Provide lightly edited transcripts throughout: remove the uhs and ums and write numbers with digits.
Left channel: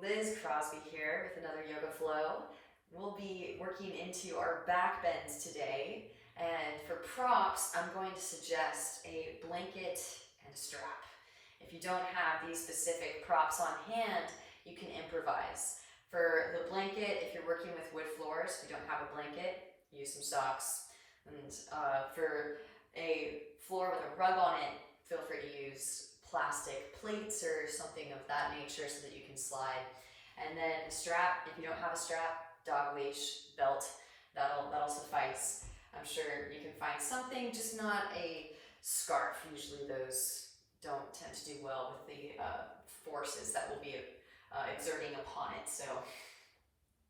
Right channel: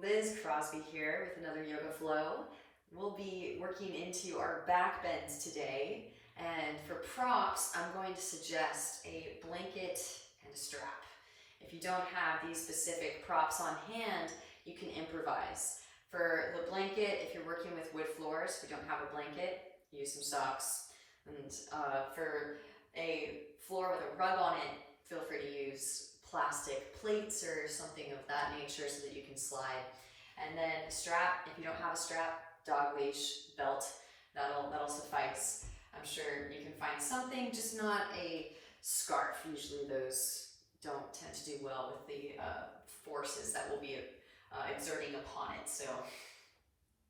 Liz Crosby here with another Yoga Flow. We'll be working into our back bends today, and for props I'm going to suggest a blanket and a strap. If you don't have these specific props on hand, you can improvise. For the blanket, if you're working with wood floors, if you don't have a blanket, use some socks. And for a floor with a rug on it, feel free to use plastic plates or something of that nature so that you can slide. And then a strap, if you don't have a strap, dog leash, belt, that'll suffice. I'm sure you can find something, just not a scarf. Usually those don't tend to do well with the forces that will be exerting upon it. So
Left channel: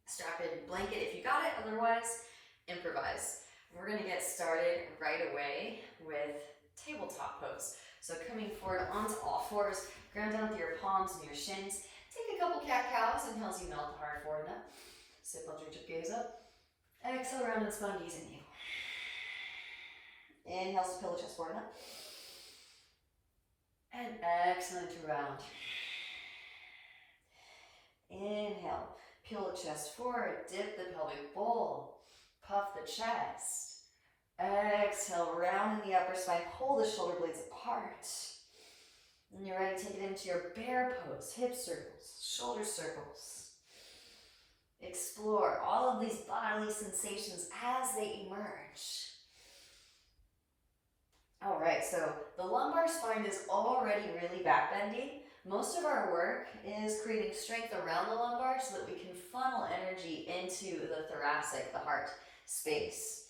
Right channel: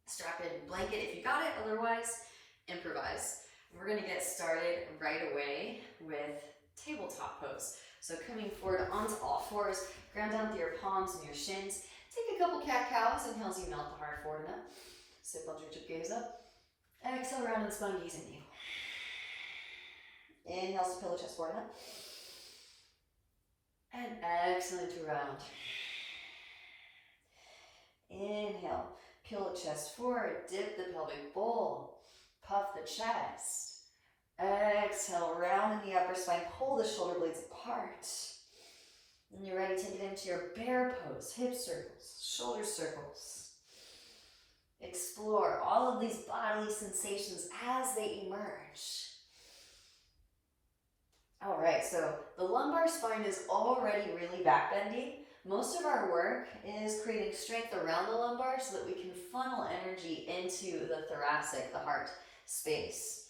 strap in blanket if you got it, otherwise improvise. We're going to get started right away with tabletop pose. So coming forward onto all fours, ground down through your palms and your shins. Take a couple cat-cows, inhales you melt the heart forward and up. Sit both your gaze up. Exhale, round and spine, gaze in you. Inhales to pillow chest forward and up. And exhale to round. Inhale, pillow chest forward, dip the pelvic bowl, puff the chest. Exhale, round in the upper spine, pull the shoulder blades apart. When you're ready, take it into your bear pose, hip circles, shoulder circles. Explore all of these bodily sensations as they emerge. All right, so the lumbar spine is already really backbending. Most of our work is creating strength around the lumbar so that we can funnel energy into the thoracic, the heart space.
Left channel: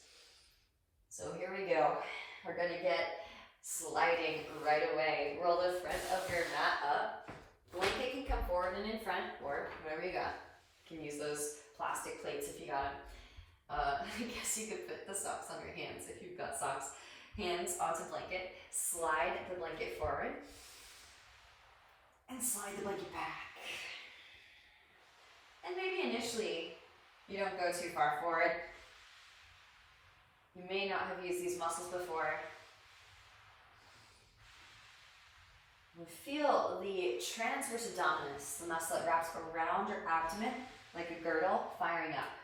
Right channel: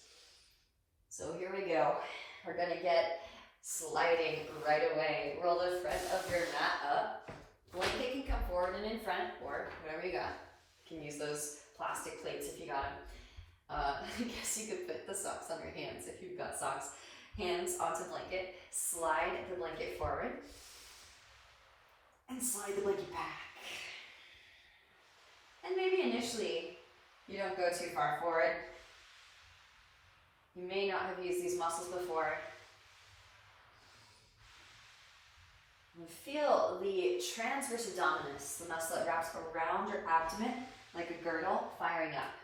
So here we go. We're going to get sliding right away. Roll the front of your mat up. Blanket can come forward and in front, or whatever you got. You can use those plastic plates if you got them. I guess you could put the socks on your hands if you've got socks. Hands onto blanket. Slide the blanket forward. And slide the blanket back. And maybe initially you don't go too far forward. You may not have used these muscles before. And feel the transverse abdominis, the muscle that wraps around your abdomen like a girdle, firing up.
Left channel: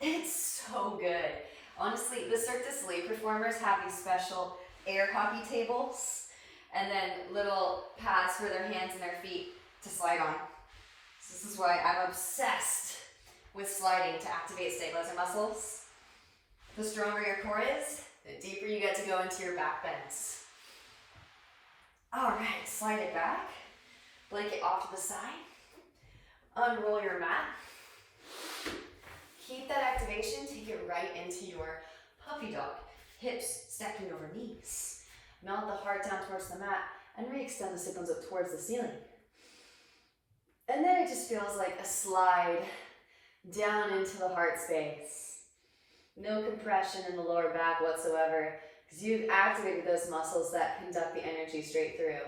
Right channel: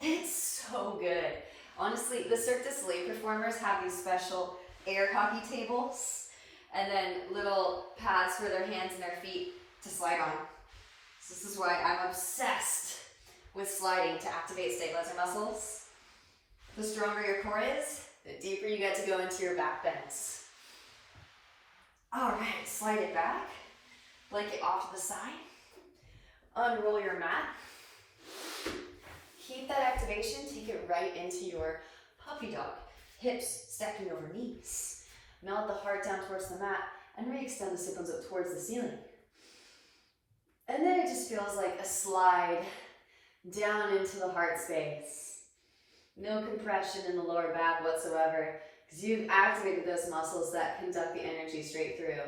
It's so good. Honestly, the Cirque du Soleil performers have these special air hockey tables and then little pads for their hands and their feet to slide on. So this is why I'm obsessed with sliding to activate stabilizer muscles. The stronger your core is, the deeper you get to go into your back bends. All right, slide it back. Blanket off to the side. Unroll your mat. Keep that activation, take it right into your puppy dog. Hips stacking over knees. Melt the heart down towards the mat and re-extend the sit bones up towards the ceiling. And then it just feels like a slide down into the heart space. No compression in the lower back whatsoever, because you've activated those muscles that conduct the energy straight through.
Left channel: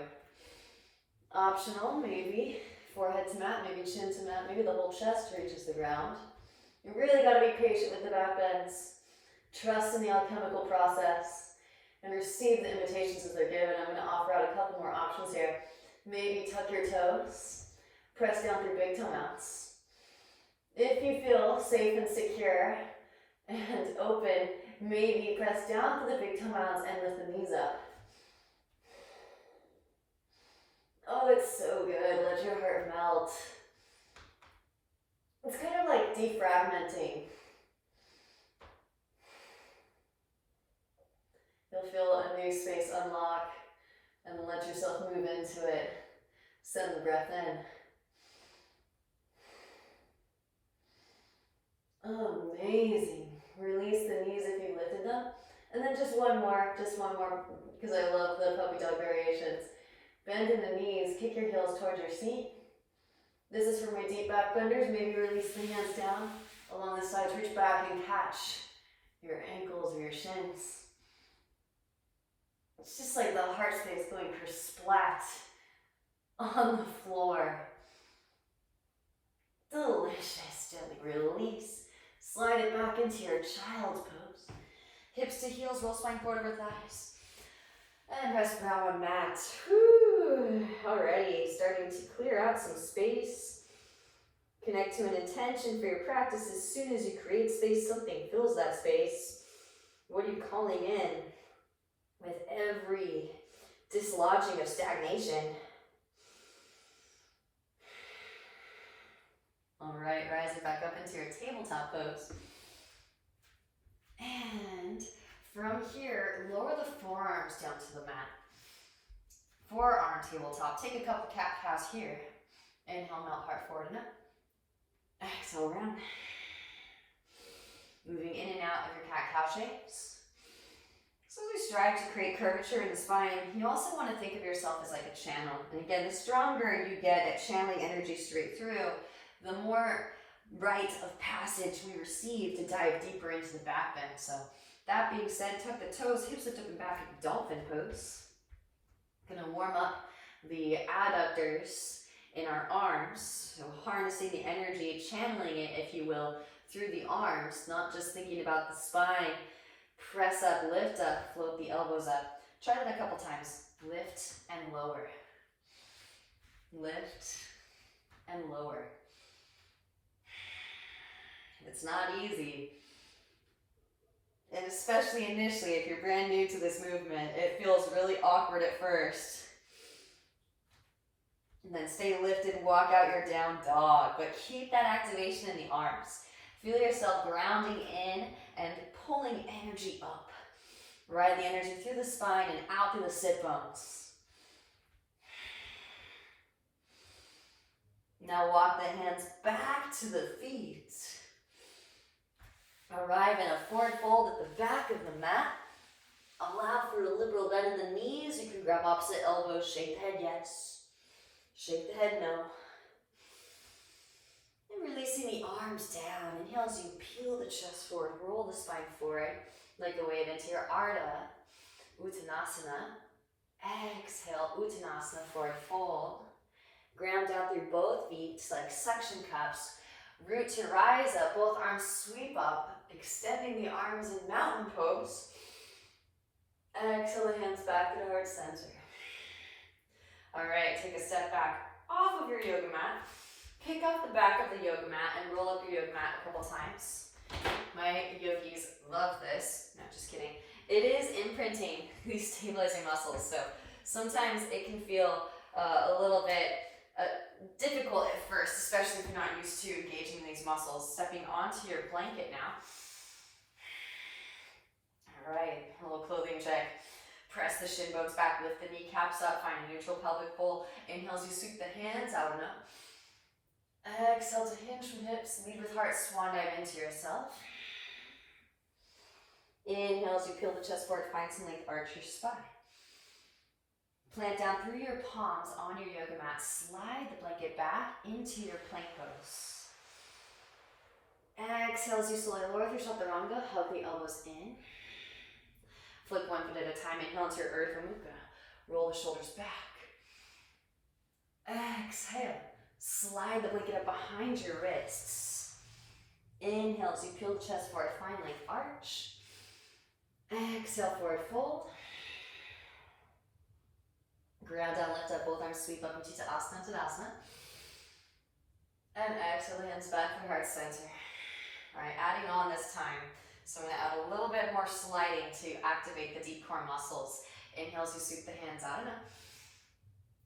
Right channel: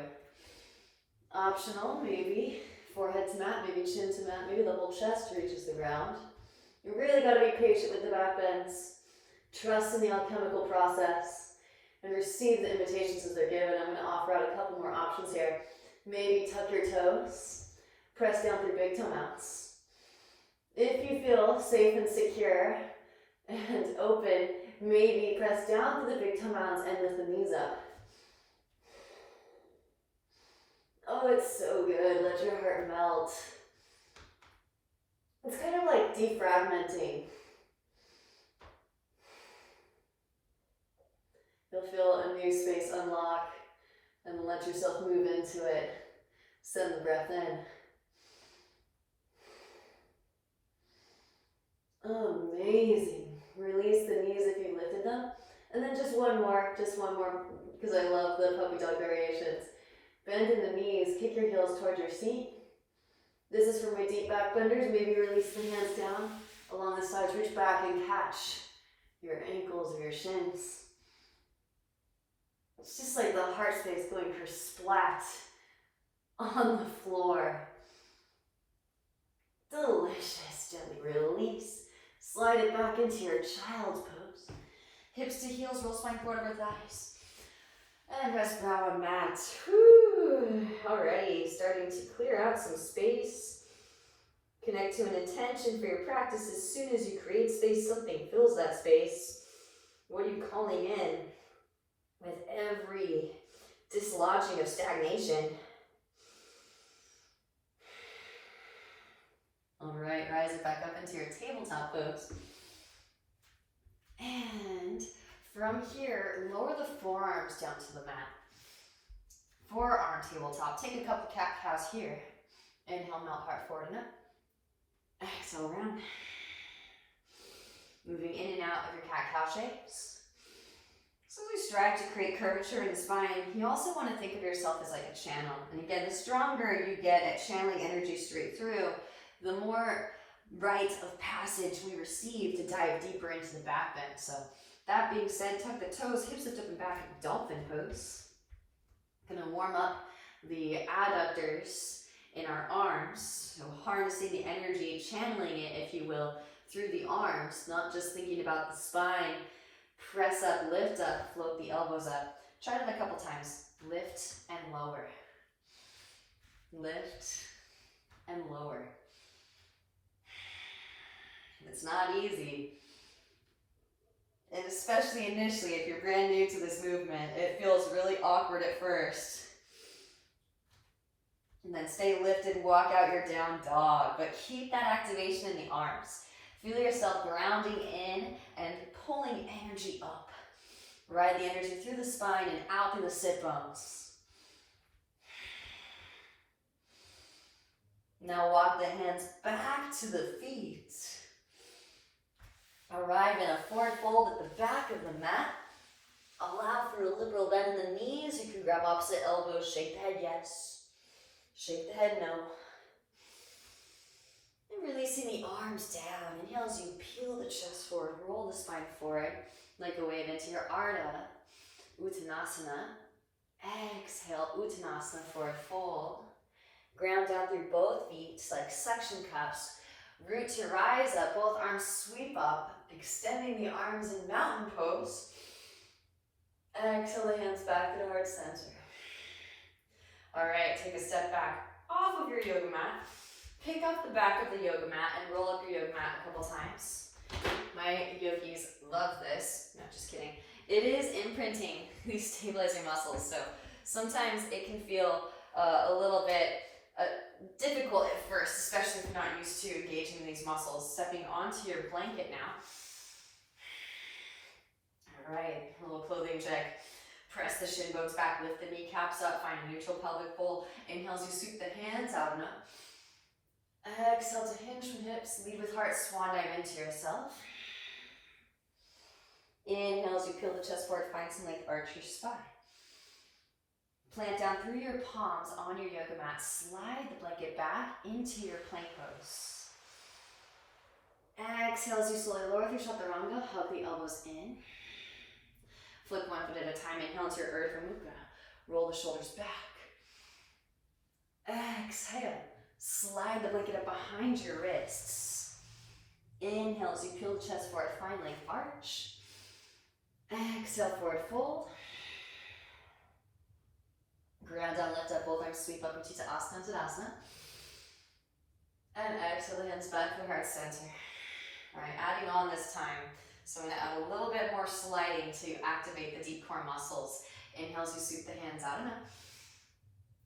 Optional, maybe forehead to mat, maybe chin to mat, maybe the whole chest reaches the ground. You really got to be patient with the back bends. Trust in the alchemical process and receive the invitations as they're given. I'm going to offer out a couple more options here. Maybe tuck your toes, press down through big toe mounts. If you feel safe and secure and open, maybe press down to the big toe mounts and lift the knees up. Oh, it's so good. Let your heart melt. It's kind of like defragmenting. You'll feel a new space unlock and let yourself move into it. Send the breath in. Amazing. Release the knees if you lifted them. And then just one more, because I love the puppy dog variations. Bend in the knees, kick your heels towards your seat. This is for my deep back benders. Maybe release the hands down along the sides, reach back and catch your ankles or your shins. It's just like the heart space going for splat on the floor. Delicious. Gently release. Slide it back into your child's pose. Hips to heels, roll spine forward over thighs. And rest down on mat. Woo. Alrighty, starting to clear out some space. Connect to an intention for your practice. As soon as you create space, something fills that space. What are you calling in with every dislodging of stagnation? Alright, rise it back up into your tabletop pose. And from here, lower the forearms down to the mat. Forearm tabletop. Take a couple cat-cows here. Inhale, melt heart forward and up. Exhale around. Moving in and out of your cat-cow shapes. So as we strive to create curvature in the spine, you also want to think of yourself as like a channel. And again, the stronger you get at channeling energy straight through, the more rite of passage we receive to dive deeper into the back bend. So that being said, tuck the toes, hips lift up and back in dolphin pose. Gonna warm up the adductors in our arms, so harnessing the energy, channeling it, if you will, through the arms, not just thinking about the spine. Press up, lift up, float the elbows up. Try it a couple times. Lift and lower. Lift and lower. It's not easy. And especially initially, if you're brand new to this movement, it feels really awkward at first. And then stay lifted, walk out your down dog, but keep that activation in the arms. Feel yourself grounding in and pulling energy up. Ride the energy through the spine and out through the sit bones. Now walk the hands back to the feet. Arrive in a forward fold at the back of the mat. Allow for a liberal bend in the knees. You can grab opposite elbows, shake the head yes. Shake the head no. And releasing the arms down. Inhale as you peel the chest forward, roll the spine forward like a wave into your Ardha Uttanasana. Exhale, Uttanasana, forward fold. Ground down through both feet like suction cups. Root to rise up, both arms sweep up, extending the arms in mountain pose. Exhale the hands back at heart center. Alright, take a step back off of your yoga mat. Pick up the back of the yoga mat and roll up your yoga mat a couple times. My yogis love this. No, just kidding. It is imprinting these stabilizing muscles, so sometimes it can feel a little bit difficult at first, especially if you're not used to engaging these muscles. Stepping onto your blanket now. Alright, a little clothing check. Press the shin bones back, lift the kneecaps up, find a neutral pelvic bowl. Inhale as you sweep the hands out and up. Exhale to hinge from hips, lead with heart, swan dive into yourself. Inhale as you peel the chest forward, find some length, arch your spine. Plant down through your palms on your yoga mat. Slide the blanket back into your plank pose. Exhale as you slowly lower through Chaturanga, hug the elbows in. Flick one foot at a time. Inhale into your Urdhva Mukha. Roll the shoulders back. Exhale. Slide the blanket up behind your wrists. Inhale as you peel the chest forward, find length, arch. Exhale, forward fold. Ground down, lift up, both arms sweep up into Asana, Tadasana. And exhale the hands back to heart center. Alright, adding on this time. So I'm going to add a little bit more sliding to activate the deep core muscles. Inhale as you sweep the hands out and up.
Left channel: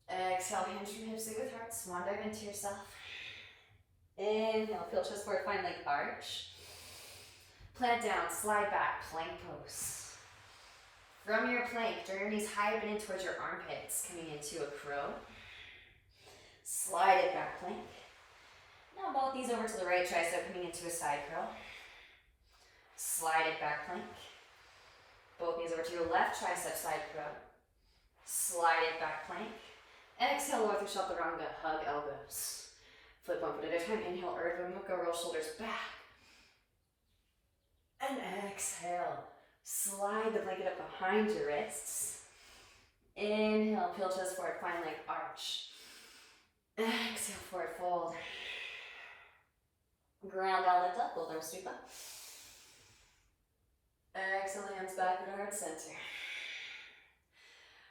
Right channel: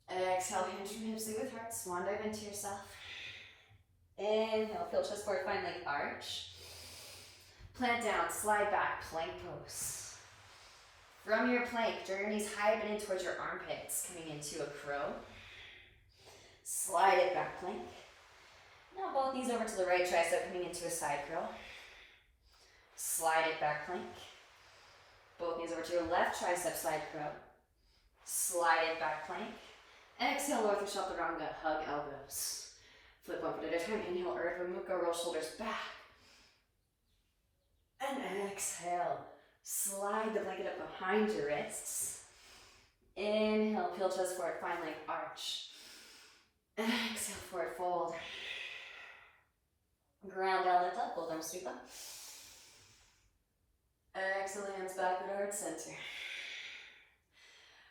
Exhale, hinge from hips, lead with heart, swan dive into yourself. Inhale, peel chest forward, find length, arch. Plant down, slide back, plank pose. From your plank, draw your knees high up and in towards your armpits, coming into a crow. Slide it back, plank. Now both knees over to the right tricep, coming into a side crow. Slide it back, plank. Both knees over to your left tricep, side crow. Slide it back, plank. Exhale, lower through Chaturanga, hug elbows. Flip one foot at a time. Inhale, Urdhva Mukha, roll shoulders back. And exhale. Slide the blanket up behind your wrists. Inhale, peel chest forward, find length, arch. Exhale, forward fold. Ground down, lift up, both arms sweep up. Exhale, hands back at heart center.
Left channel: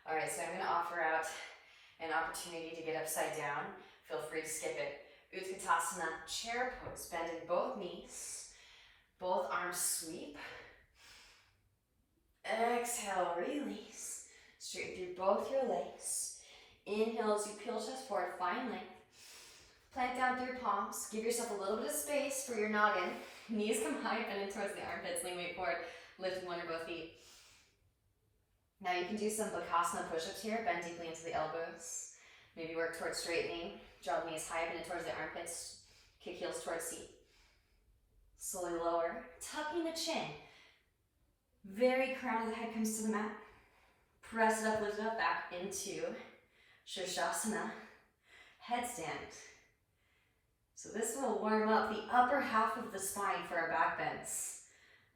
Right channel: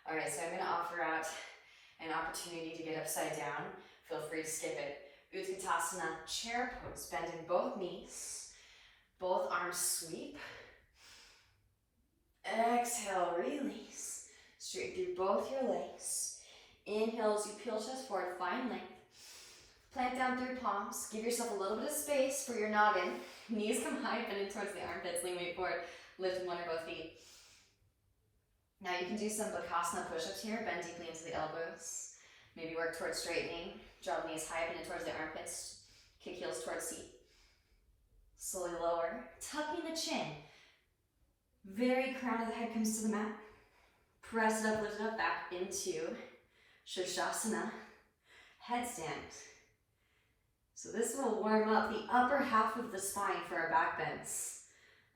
Alright, so I'm going to offer out an opportunity to get upside down, feel free to skip it. Utkatasana, chair pose. Bend in both knees. Both arms sweep. Exhale, release. Straighten through both your legs. Inhale as you peel chest forward, find length. Plant down through palms. Give yourself a little bit of space for your noggin. Knees come high, bend in towards the armpits. Lean weight forward. Lift one or both feet. Now you can do some Bakasana push-ups here. Bend deeply into the elbows. Maybe work towards straightening. Draw the knees high, bend in towards the armpits. Kick heels towards seat. Slowly lower. Tucking the chin. Very crown of the head comes to the mat. Press it up, lift it up, back into Shirshasana. Headstand. So this will warm up the upper half of the spine for our back bends,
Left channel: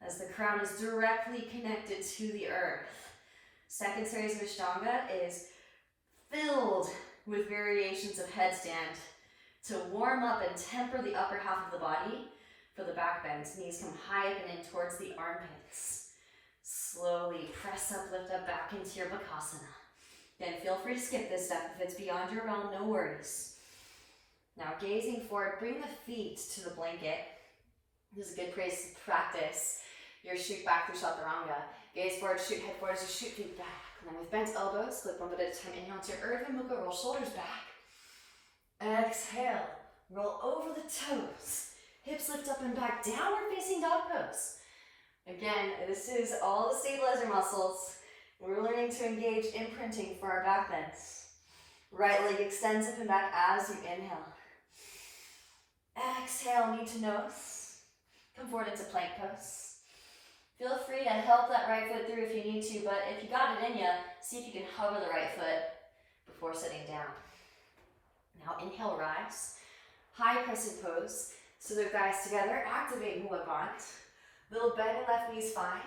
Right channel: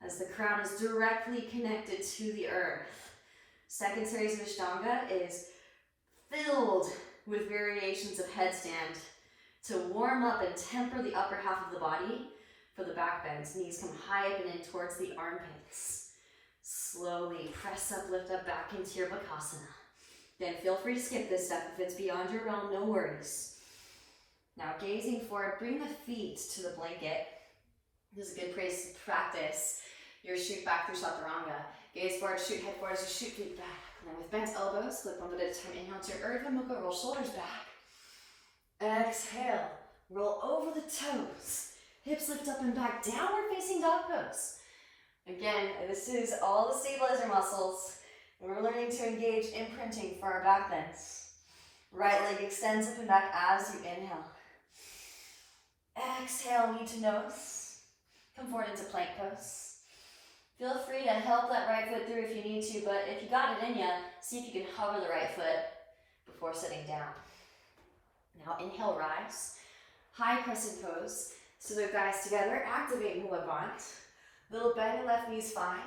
as the crown is directly connected to the earth. Second series of Ashtanga is filled with variations of headstand to warm up and temper the upper half of the body for the back bends. Knees come high up and in towards the armpits. Slowly press up, lift up, back into your Bakasana. Then feel free to skip this step if it's beyond your realm, no worries. Now gazing forward, bring the feet to the blanket. This is a good place to practice your shoot back through Chaturanga. Gaze forward, shoot head forward as you shoot feet back. And then with bent elbows, flip one foot at a time. Inhale to your Urdhva Mukha, roll shoulders back. Exhale, roll over the toes. Hips lift up and back, downward facing dog pose. Again, this is all the stabilizer muscles. We're learning to engage imprinting for our back bends. Right leg extends up and back as you inhale. Exhale, knee to nose. Come forward into plank pose. Feel free to help that right foot through if you need to, but if you got it in you, see if you can hover the right foot before sitting down. Now inhale, rise. High crescent pose. So their thighs together, activate Mula Bandha. Little bend in left knee is fine.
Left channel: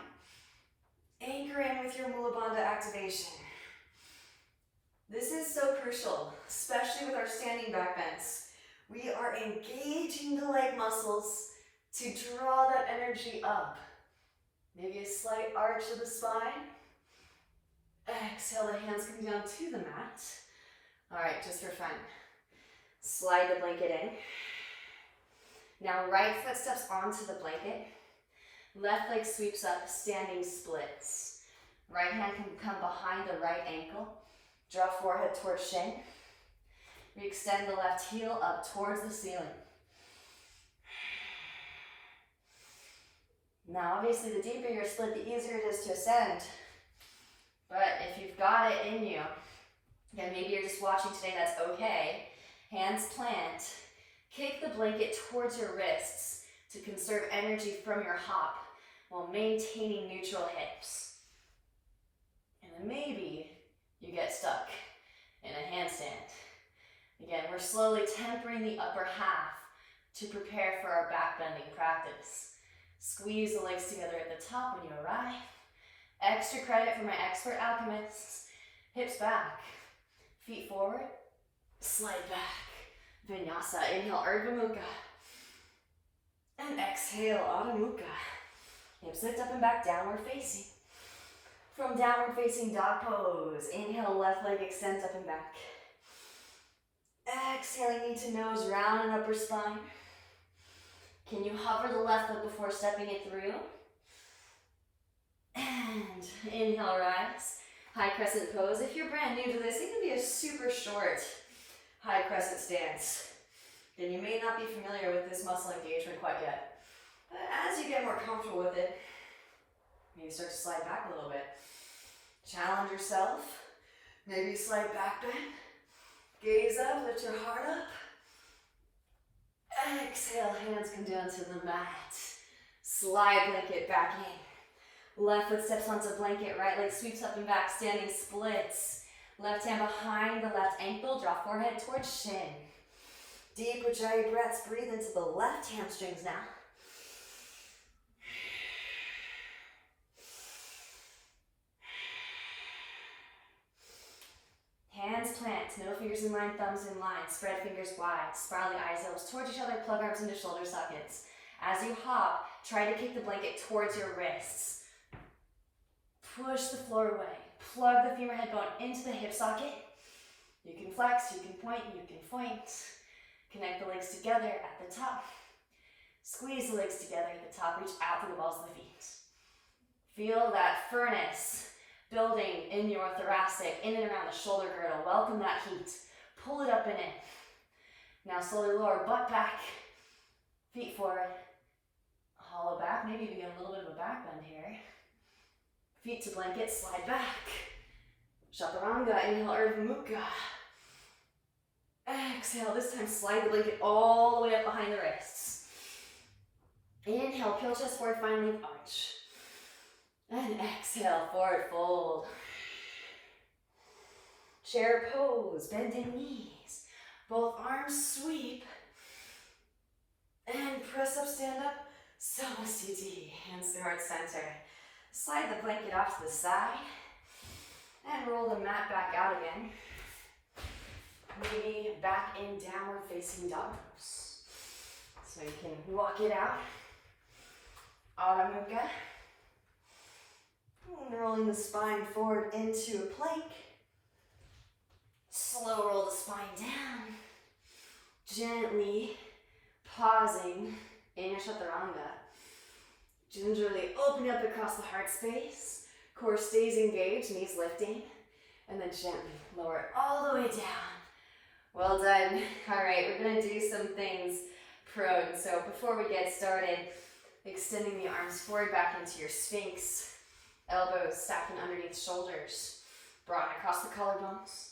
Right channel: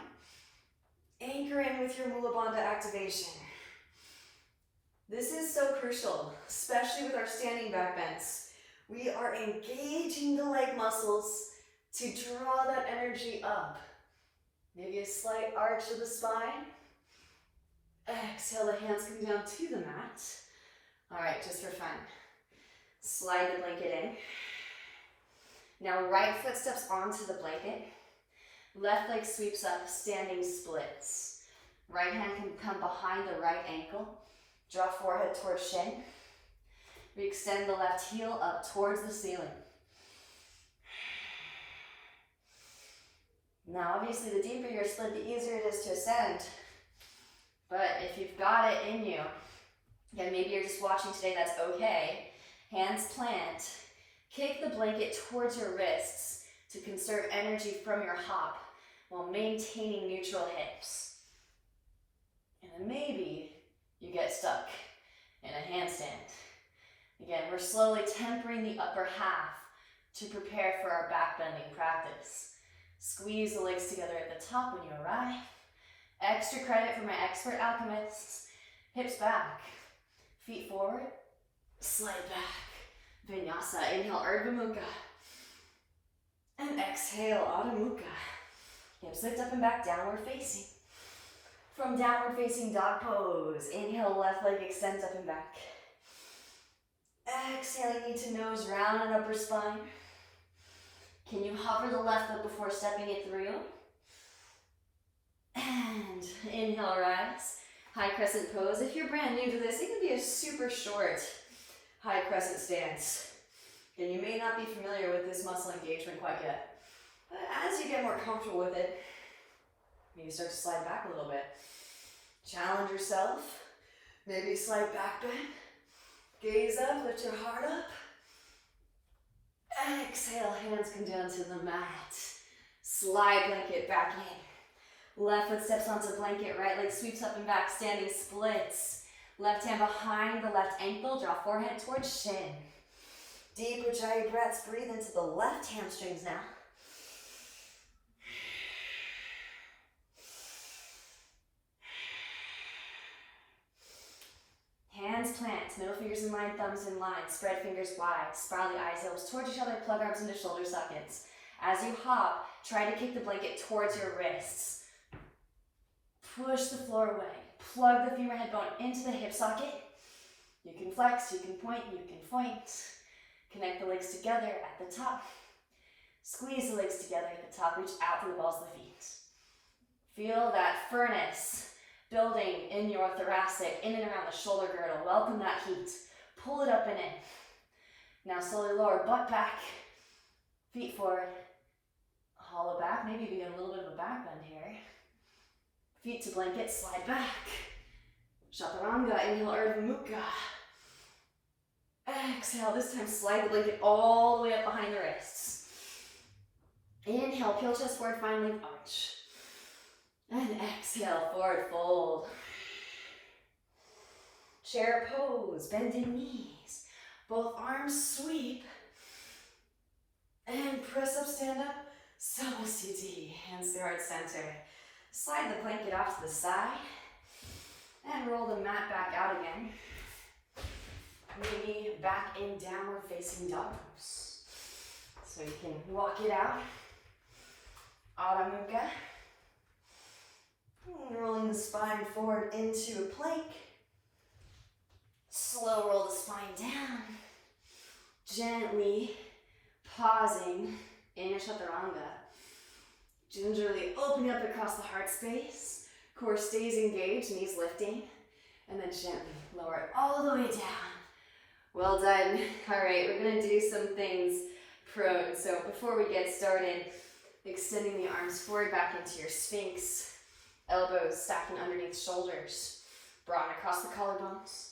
Anchor in with your Mula Bandha activation. This is so crucial, especially with our standing back bends. We are engaging the leg muscles to draw that energy up. Maybe a slight arch of the spine. Exhale, the hands come down to the mat. All right, just for fun. Slide the blanket in. Now right foot steps onto the blanket. Left leg sweeps up, standing splits. Right hand can come behind the right ankle. Draw forehead towards shin. We extend the left heel up towards the ceiling. Now obviously the deeper your split, the easier it is to ascend. But if you've got it in you, then maybe you're just watching today, that's okay. Hands plant. Kick the blanket towards your wrists to conserve energy from your hop while maintaining neutral hips. And then maybe you get stuck in a handstand. Again, we're slowly tempering the upper half to prepare for our back bending practice. Squeeze the legs together at the top when you arrive. Extra credit for my expert alchemists. Hips back, feet forward, slide back. Vinyasa, inhale, Urdhva Mukha. And exhale, Adho Mukha. Hips lift up and back, downward facing. From downward facing dog pose, inhale, left leg extends up and back. Exhaling knee to nose, round and upper spine. Can you hover the left foot before stepping it through? And inhale, rise. High crescent pose. If you're brand new to this, it can be a super short high crescent stance. And you may not be familiar with this muscle engagement quite yet. But as you get more comfortable with it, maybe start to slide back a little bit. Challenge yourself. Maybe slight back bend. Gaze up, lift your heart up. Exhale, hands come down to the mat. Slide blanket back in. Left foot steps onto blanket, right leg sweeps up and back, standing splits. Left hand behind the left ankle, draw forehead towards shin. Deep Ujjayi breaths, breathe into the left hamstrings now. Hands plant, middle fingers in line, thumbs in line, spread fingers wide, spiral the eyes, elbows towards each other, plug arms into shoulder sockets. As you hop, try to kick the blanket towards your wrists. Push the floor away. Plug the femur head bone into the hip socket. You can flex, you can point, you can point. Connect the legs together at the top. Squeeze the legs together at the top. Reach out through the balls of the feet. Feel that furnace building in your thoracic, in and around the shoulder girdle. Welcome that heat. Pull it up and in. Now slowly lower, butt back, feet forward. Hollow back, maybe even a little bit of a back bend here. Feet to blanket, slide back. Chaturanga, inhale, Urdhva Mukha. Exhale, this time slide the blanket all the way up behind the wrists. Inhale, peel chest forward, find length arch. And exhale, forward fold. Chair pose, bending knees. Both arms sweep. And press up, stand up. Samastiti, hands to heart center. Slide the blanket off to the side. And roll the mat back out again. Maybe back in downward facing dog pose. So you can walk it out. Adho Mukha. Rolling the spine forward into a plank. Slow roll the spine down. Gently pausing in a chaturanga. Gingerly opening up across the heart space. Core stays engaged, knees lifting. And then gently lower it all the way down. Well done. All right, we're going to do some things prone. So before we get started, extending the arms forward back into your Sphinx. Elbows stacking underneath shoulders. Broaden across the collarbones.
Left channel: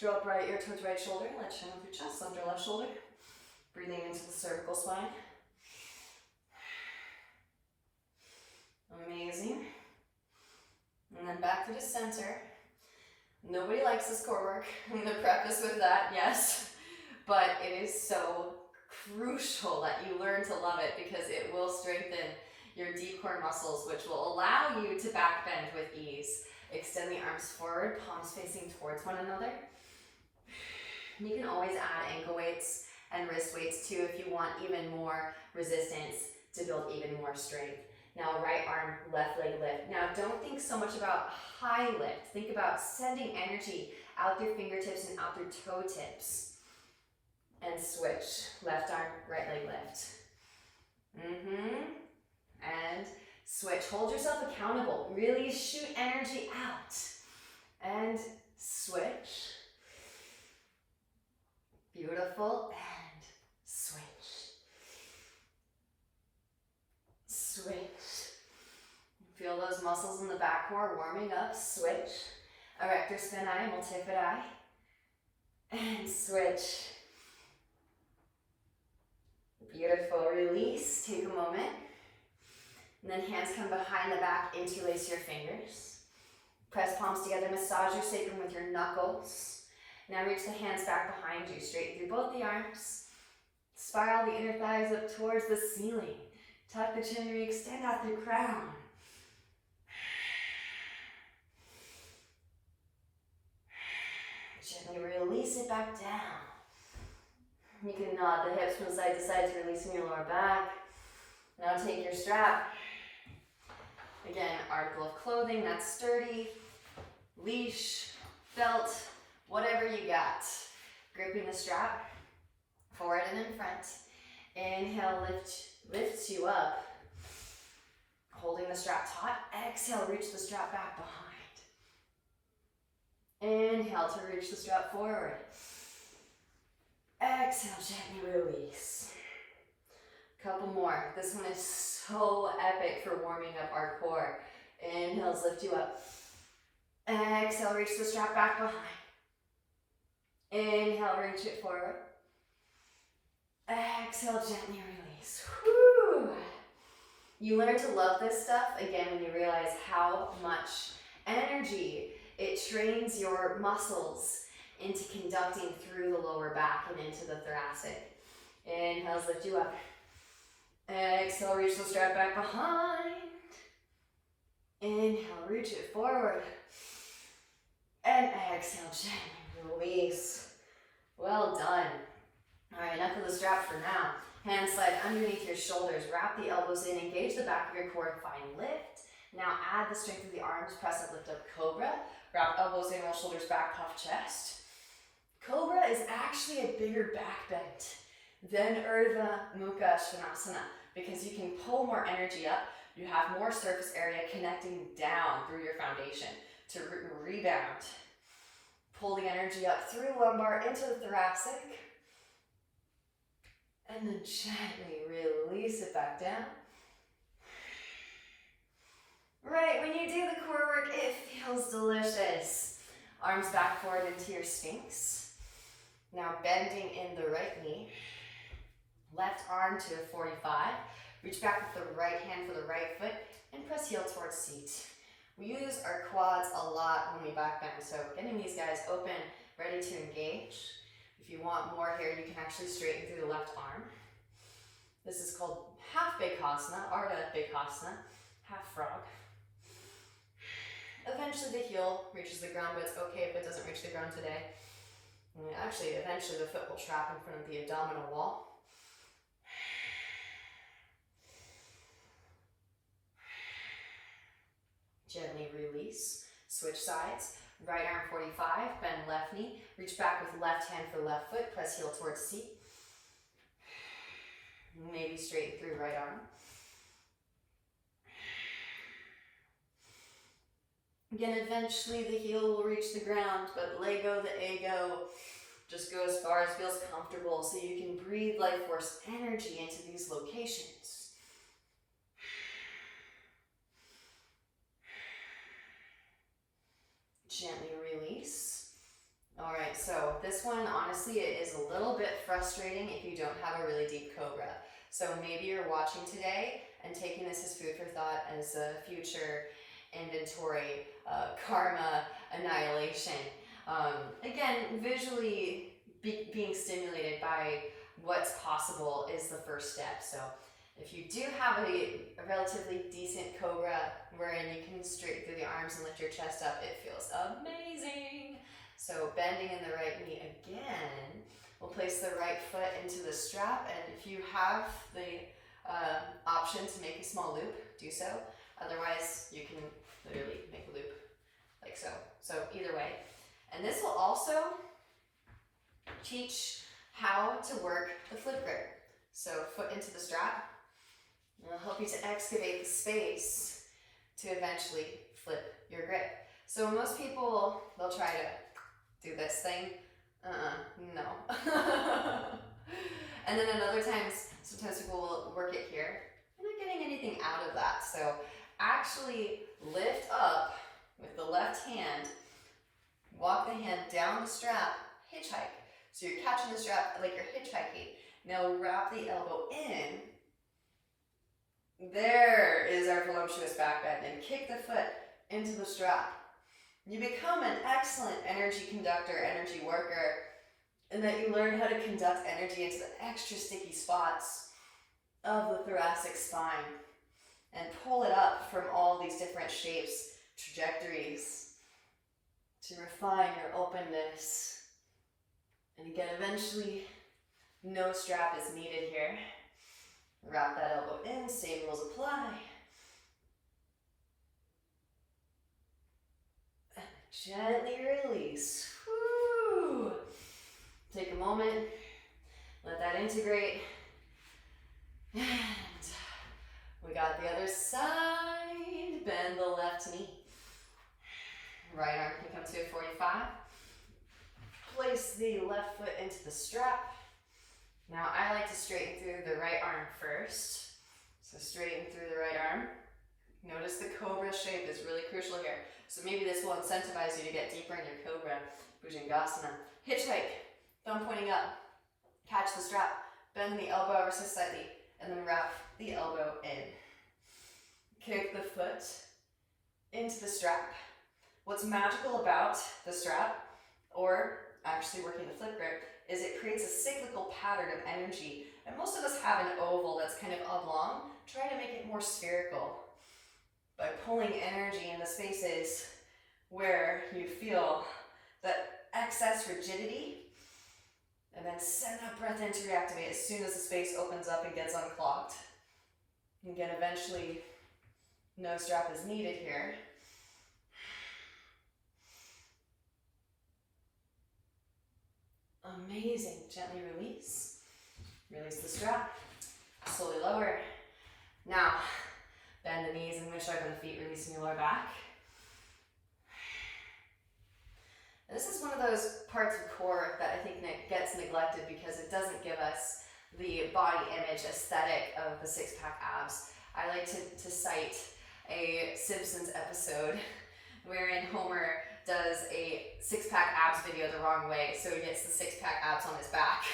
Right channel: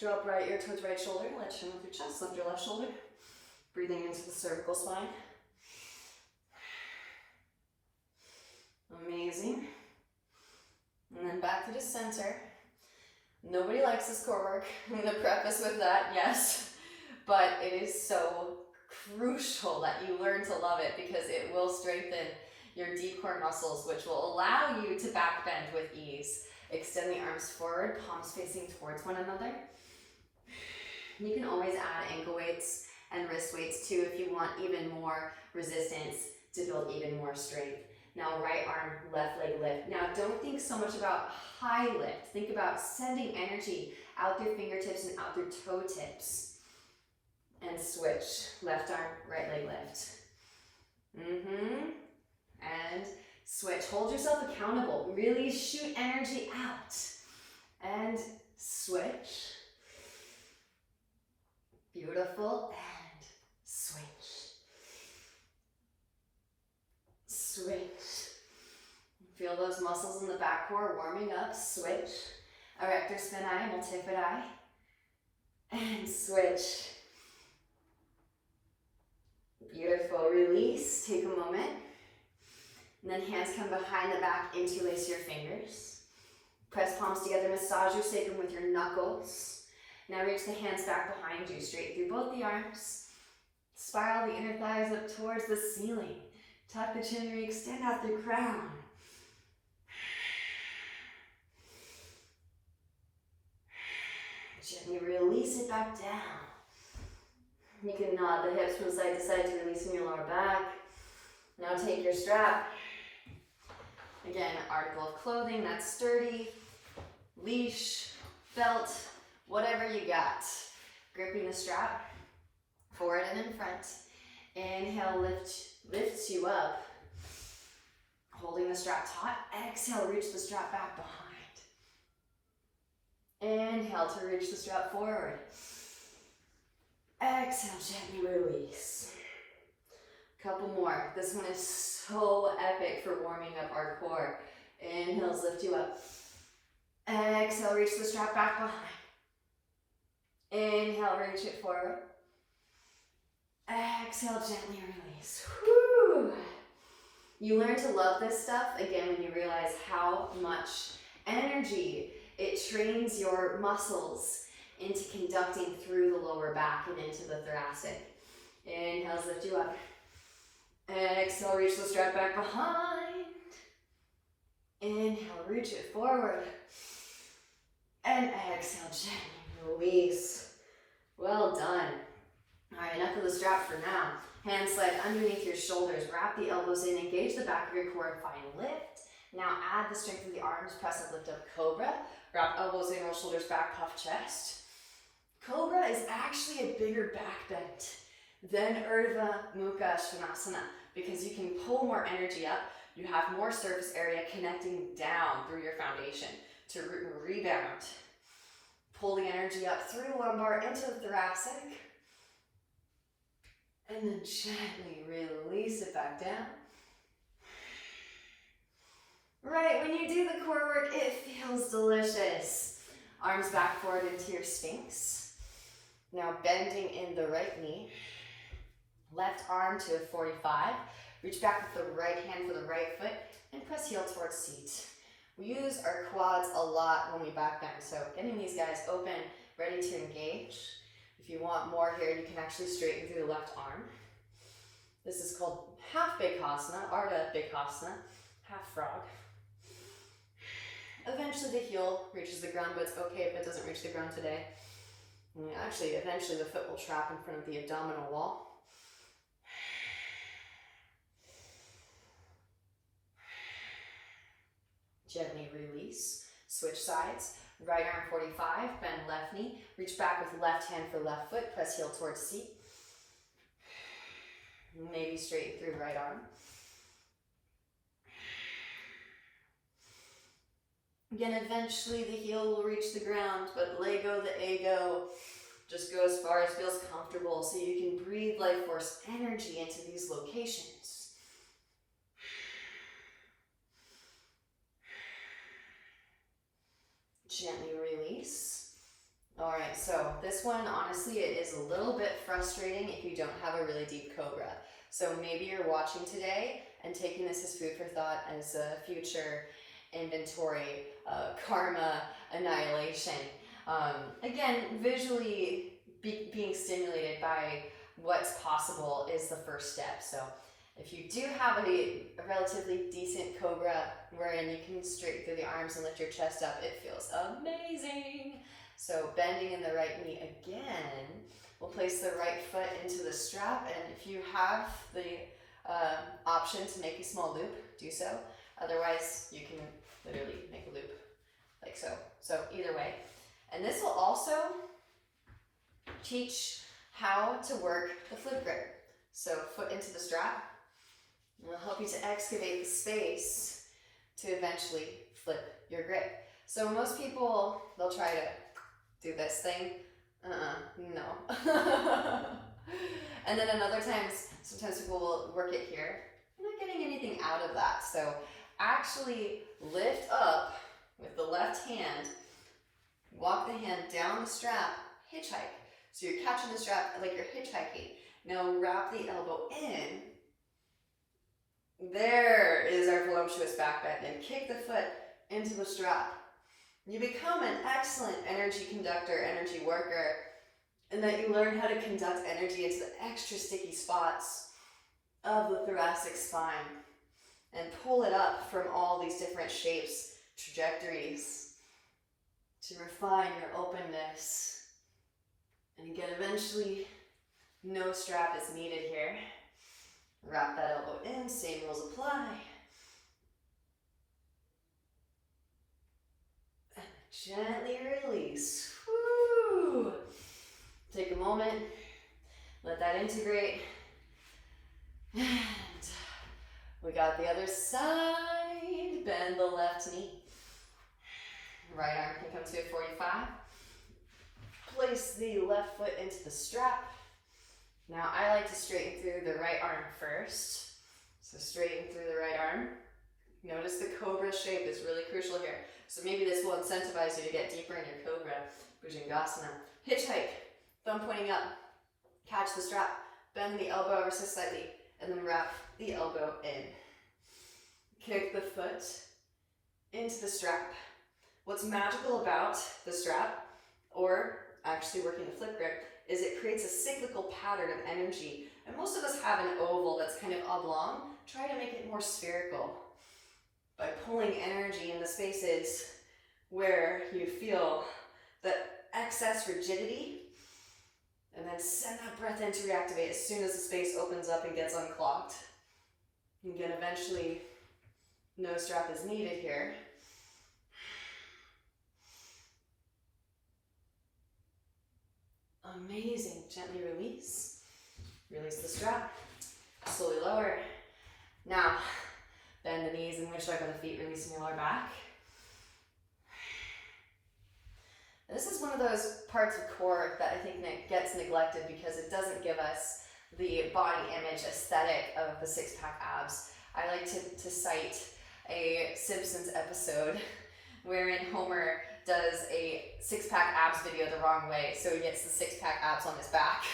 Drop right ear towards right shoulder. Let's chin up your chest, lift your left shoulder. Breathing into the cervical spine. Amazing. And then back to the center. Nobody likes this core work. I'm going to preface with that, yes. But it is so crucial that you learn to love it because it will strengthen your deep core muscles, which will allow you to back bend with ease. Extend the arms forward, palms facing towards one another. You can always add ankle weights and wrist weights too if you want even more resistance to build even more strength. Now right arm, left leg lift. Now don't think so much about high lift. Think about sending energy out through fingertips and out through toe tips. And switch. Left arm, right leg lift. And switch. Hold yourself accountable. Really shoot energy out. And switch. Beautiful. And switch. Switch. Feel those muscles in the back core warming up. Switch. Erector spinae, multifidi. And switch. Beautiful. Release. Take a moment. And then hands come behind the back, interlace your fingers. Press palms together, massage your sacrum with your knuckles. Now reach the hands back behind you, straight through both the arms. Spiral the inner thighs up towards the ceiling. Tuck the chin, re-extend out through crown. Gently release it back down. You can nod the hips from side to side to release in your lower back. Now take your strap. Again, article of clothing that's sturdy, leash, belt, whatever you got. Gripping the strap, forward and in front. Inhale, lifts you up. Holding the strap taut. Exhale, reach the strap back behind. Inhale to reach the strap forward. Exhale, gently release. Couple more. This one is so epic for warming up our core. Inhales lift you up. Exhale, reach the strap back behind. Inhale, reach it forward. Exhale, gently release. Whew. You learn to love this stuff, again, when you realize how much energy it trains your muscles into conducting through the lower back and into the thoracic. Inhales lift you up. Exhale, reach the strap back behind. Inhale, reach it forward. And exhale, gently release. Well done. All right, enough of the strap for now. Hands slide underneath your shoulders. Wrap the elbows in. Engage the back of your core and find lift. Now add the strength of the arms. Press up, lift up, cobra. Wrap elbows in, roll shoulders back, puff chest. is actually a bigger back bend than Urdhva Mukha Svanasana because you can pull more energy up. You have more surface area connecting down through your foundation to rebound. Pull the energy up through lumbar into the thoracic. And then gently release it back down. Right, when you do the core work, it feels delicious. Arms back forward into your Sphinx. Now bending in the right knee. Left arm to a 45. Reach back with the right hand for the right foot and press heel towards seat. We use our quads a lot when we back bend, so getting these guys open, ready to engage. If you want more here, you can actually straighten through the left arm. This is called half Bakasana, Ardha Bakasana, half frog. Eventually the heel reaches the ground, but it's okay if it doesn't reach the ground today. And actually, eventually the foot will trap in front of the abdominal wall. Gently release, switch sides, right arm 45, bend left knee, reach back with left hand for left foot, press heel towards seat. Maybe straighten through right arm. Again, eventually the heel will reach the ground, but lego the ego. Just go as far as feels comfortable so you can breathe life force energy into these locations. Gently release. All right, so this one, honestly, it is a little bit frustrating if you don't have a really deep cobra. So maybe you're watching today and taking this as food for thought as a future inventory, karma annihilation. Again, visually being stimulated by what's possible is the first step. So if you do have a relatively decent cobra wherein you can straighten through the arms and lift your chest up, it feels amazing. So bending in the right knee again, we'll place the right foot into the strap, and if you have the option to make a small loop, do so. Otherwise, you can literally make a loop like so. So either way. And this will also teach how to work the flip grip. So foot into the strap. It'll help you to excavate the space to eventually flip your grip. So most people, they'll try to do this thing. No. And then another times, sometimes people will work it here. You're not getting anything out of that. So actually lift up with the left hand, walk the hand down the strap, hitchhike. So you're catching the strap like you're hitchhiking. Now wrap the elbow in. There is our voluptuous back bend, and kick the foot into the strap. You become an excellent energy conductor, energy worker, and that you learn how to conduct energy into the extra sticky spots of the thoracic spine and pull it up from all these different shapes, trajectories to refine your openness. And again, eventually, no strap is needed here. Wrap that elbow in, same rules apply. And gently release. Woo! Take a moment, let that integrate. And we got the other side. Bend the left knee. Right arm can come to a 45. Place the left foot into the strap. Now I like to straighten through the right arm first. So straighten through the right arm. Notice the cobra shape is really crucial here. So maybe this will incentivize you to get deeper in your cobra, Bhujangasana. Hitchhike, thumb pointing up. Catch the strap, bend the elbow ever so slightly, and then wrap the elbow in. Kick the foot into the strap. What's magical about the strap, or actually working the flip grip, is it creates a cyclical pattern of energy. And most of us have an oval that's kind of oblong. Try to make it more spherical by pulling energy in the spaces where you feel that excess rigidity, and then send that breath in to reactivate as soon as the space opens up and gets unclogged. And again, eventually, no strap is needed here. Amazing. Gently release. Release the strap. Slowly lower. Now, bend the knees and winch open the feet, releasing your lower back. This is one of those parts of core that I think gets neglected because it doesn't give us the body image aesthetic of the six-pack abs. I like to cite a Simpsons episode wherein Homer does a six-pack abs video the wrong way, so he gets the six-pack abs on his back.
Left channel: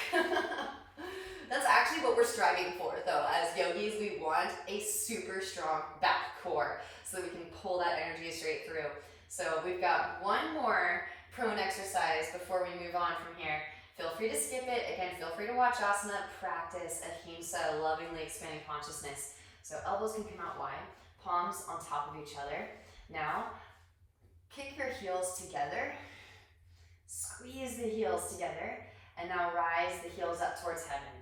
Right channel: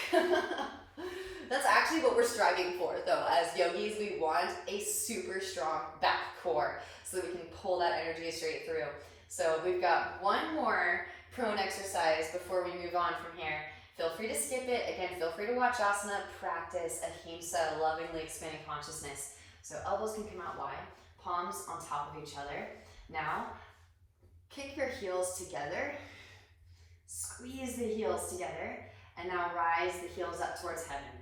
That's actually what we're striving for, though. As yogis, we want a super strong back core so that we can pull that energy straight through. So we've got one more prone exercise before we move on from here. Feel free to skip it. Again, feel free to watch asana, practice ahimsa, lovingly expanding consciousness. So elbows can come out wide, palms on top of each other. Now, kick your heels together, squeeze the heels together, and now rise the heels up towards heaven.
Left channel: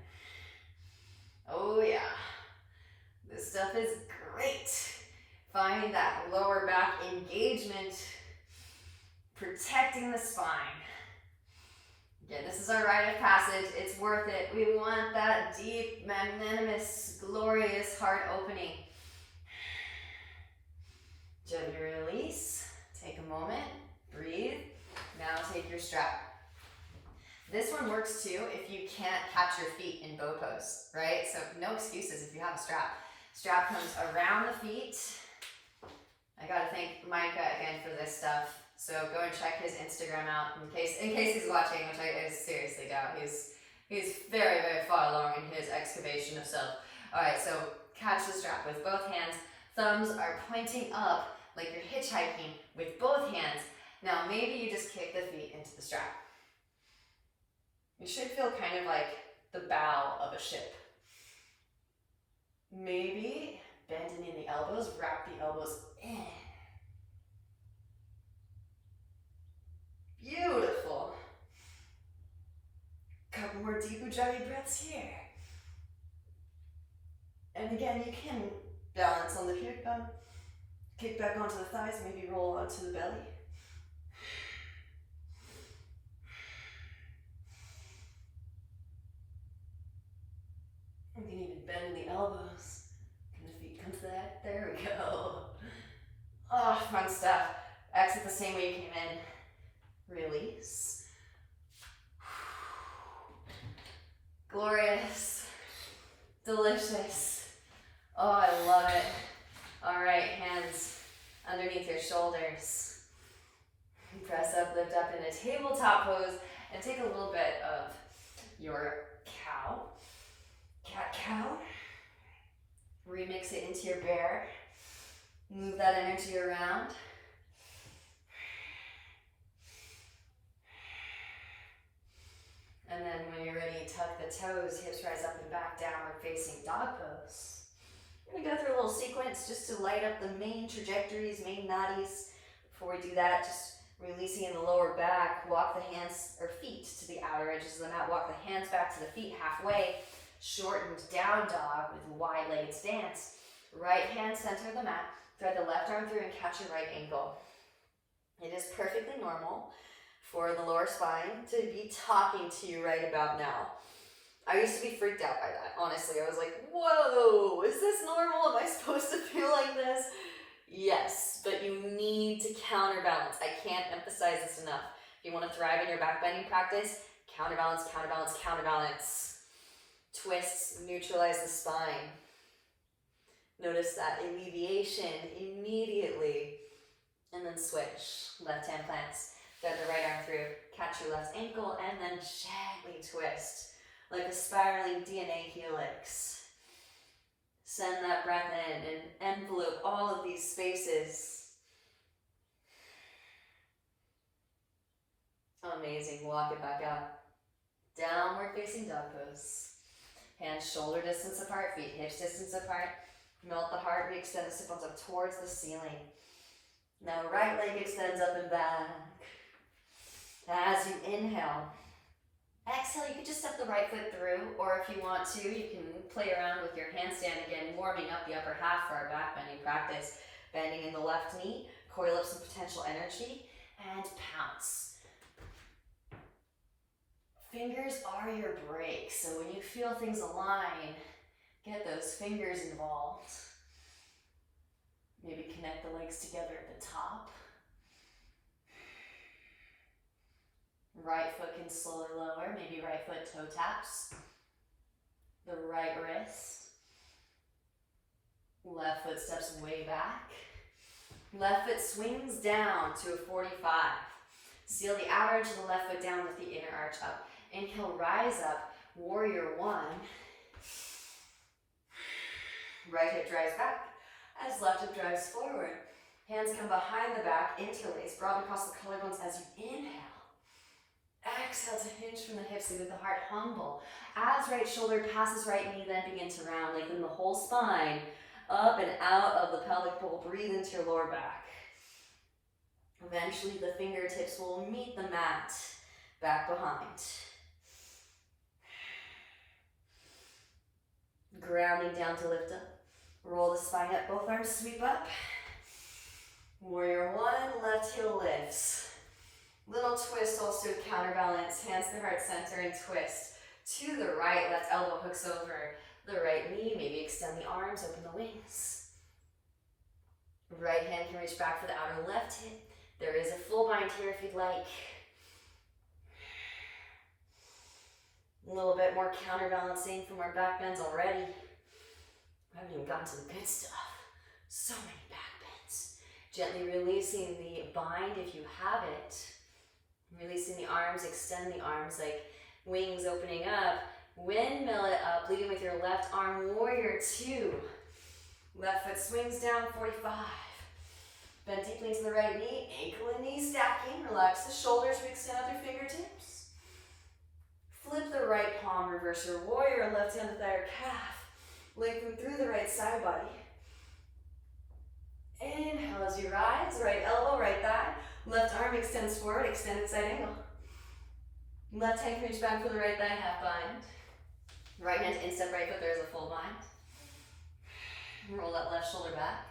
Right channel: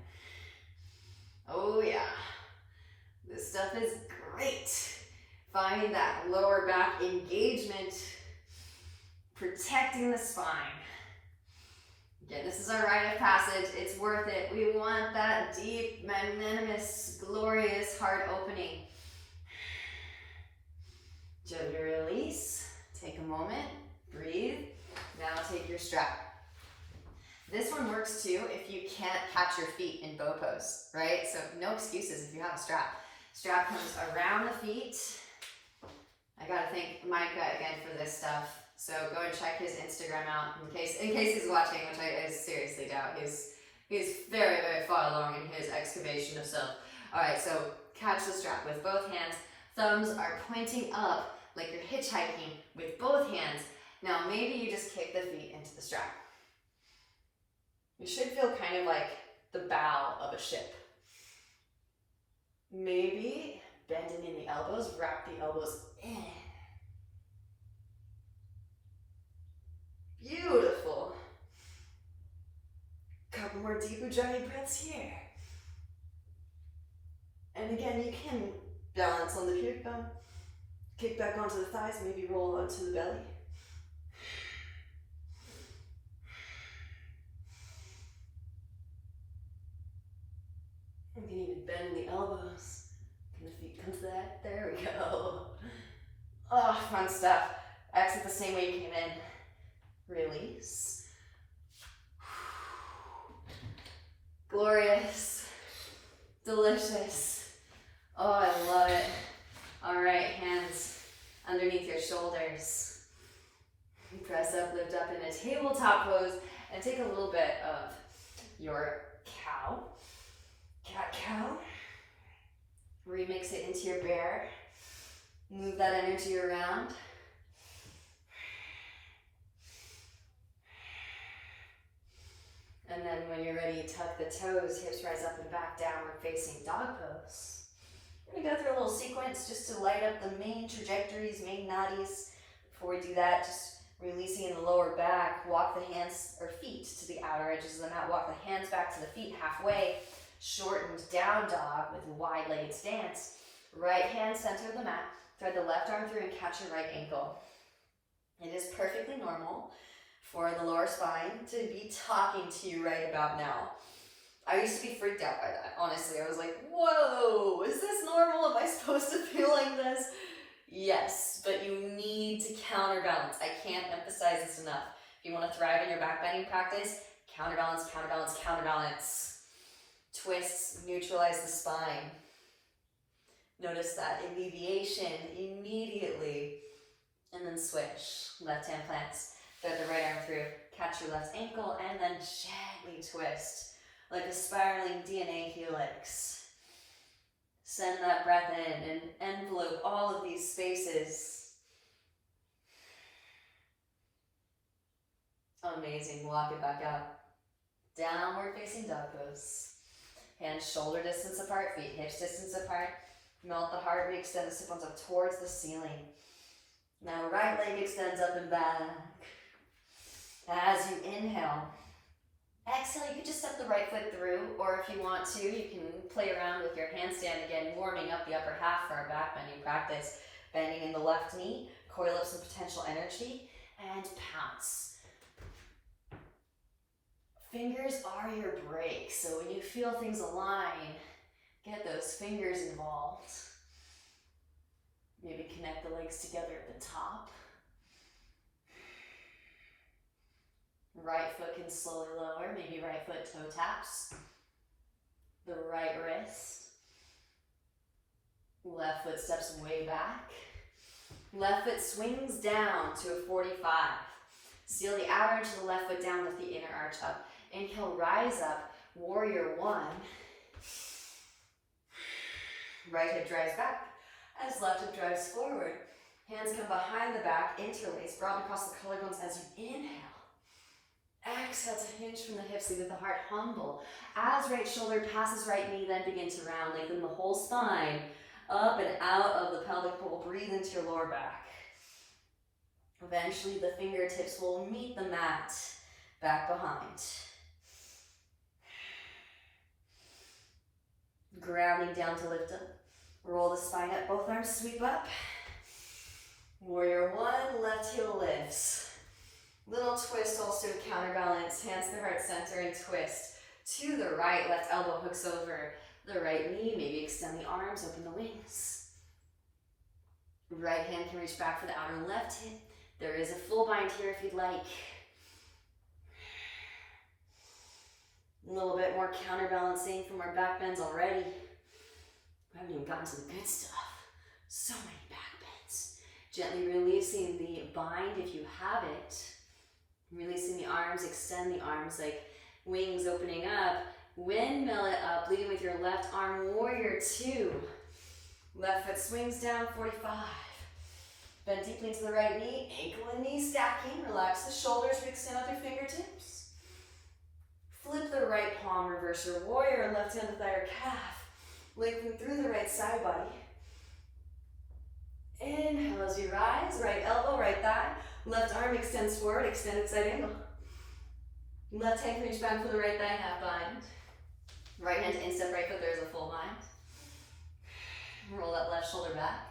Oh yeah, this stuff is great. Find that lower back engagement, protecting the spine. Again, this is our rite of passage. It's worth it. We want that deep, magnanimous, glorious heart opening. Gently release. Take a moment. Breathe. Now take your strap. This one works too if you can't catch your feet in bow pose, right? So no excuses if you have a strap. Strap comes around the feet. I gotta thank Micah again for this stuff. So go and check his Instagram out in case he's watching, which I seriously doubt. He's very, very far along in his excavation of self. All right, so catch the strap with both hands. Thumbs are pointing up like you're hitchhiking with both hands. Now maybe you just kick the feet into the strap. You should feel kind of like the bow of a ship. Maybe bending in the elbows, wrap the elbows in. Beautiful. Couple more deep Ujjayi breaths here. And again, you can balance on the pubic bone, kick back onto the thighs, maybe roll onto the belly. You can even bend the elbows. Can the feet come to that? There we go. Oh, fun stuff. Exit the same way you came in. Release. Glorious. Delicious. Oh, I love it. All right, hands underneath your shoulders. Press up, lift up in a tabletop pose, and take a little bit of your cow. Cat-cow. Remix it into your bear. Move that energy around. And then when you're ready, tuck the toes, hips rise up and back, downward facing dog pose. We're gonna go through a little sequence just to light up the main trajectories, main nadis. Before we do that, just releasing in the lower back, walk the hands or feet to the outer edges of the mat, walk the hands back to the feet halfway, shortened down dog with wide-legged stance. Right hand center of the mat, thread the left arm through and catch your right ankle. It is perfectly normal for the lower spine to be talking to you right about now. I used to be freaked out by that, honestly. I was like, whoa, is this normal? Am I supposed to feel like this? Yes, but you need to counterbalance. I can't emphasize this enough. If you want to thrive in your backbending practice, counterbalance, counterbalance, counterbalance. Twists, neutralize the spine. Notice that alleviation immediately. And then switch. Left hand plants. Thread the right arm through, catch your left ankle, and then gently twist like a spiraling DNA helix. Send that breath in and envelope all of these spaces. Amazing. Walk it back up. Downward facing dog pose. Hands shoulder distance apart, feet hips distance apart. Melt the heart, re-extend the sit bones up towards the ceiling. Now right leg extends up and back. As you inhale, exhale, you can just step the right foot through, or if you want to, you can play around with your handstand again, warming up the upper half for our back bending practice. Bending in the left knee, coil up some potential energy, and pounce. Fingers are your brakes, so when you feel things align, get those fingers involved. Maybe connect the legs together at the top. Right foot can slowly lower, maybe right foot toe taps. The right wrist. Left foot steps way back. Left foot swings down to a 45. Seal the outer edge of the left foot down with the inner arch up. Inhale, rise up, warrior one. Right hip drives back as left hip drives forward. Hands come behind the back, interlace, broaden across the collarbones as you inhale. Exhale to hinge from the hips, leave with the heart humble. As right shoulder passes right knee, then begin to round, lengthen the whole spine, up and out of the pelvic bowl. Breathe into your lower back. Eventually the fingertips will meet the mat, back behind. Grounding down to lift up. Roll the spine up, both arms sweep up. Warrior one, left heel lifts. Little twist also counterbalance, hands to heart center and twist. To the right, left elbow hooks over the right knee, maybe extend the arms, open the wings. Right hand can reach back for the outer left hip. There is a full bind here if you'd like. A little bit more counterbalancing from our back bends already. I haven't even gotten to the good stuff. So many back bends. Gently releasing the bind if you have it. Releasing the arms, extend the arms like wings opening up. Windmill it up, leading with your left arm, warrior two. Left foot swings down, 45. Bend deeply into the right knee, ankle and knee stacking. Relax the shoulders, extend out your fingertips. Flip the right palm, reverse your warrior, left hand to thigh or calf. Lengthen through the right side body. Inhale as you rise, right elbow, right thigh. Left arm extends forward, extended side angle. Left hand can reach back for the right thigh, half bind. Right hand to instep right foot, there's a full bind. Roll that left shoulder back.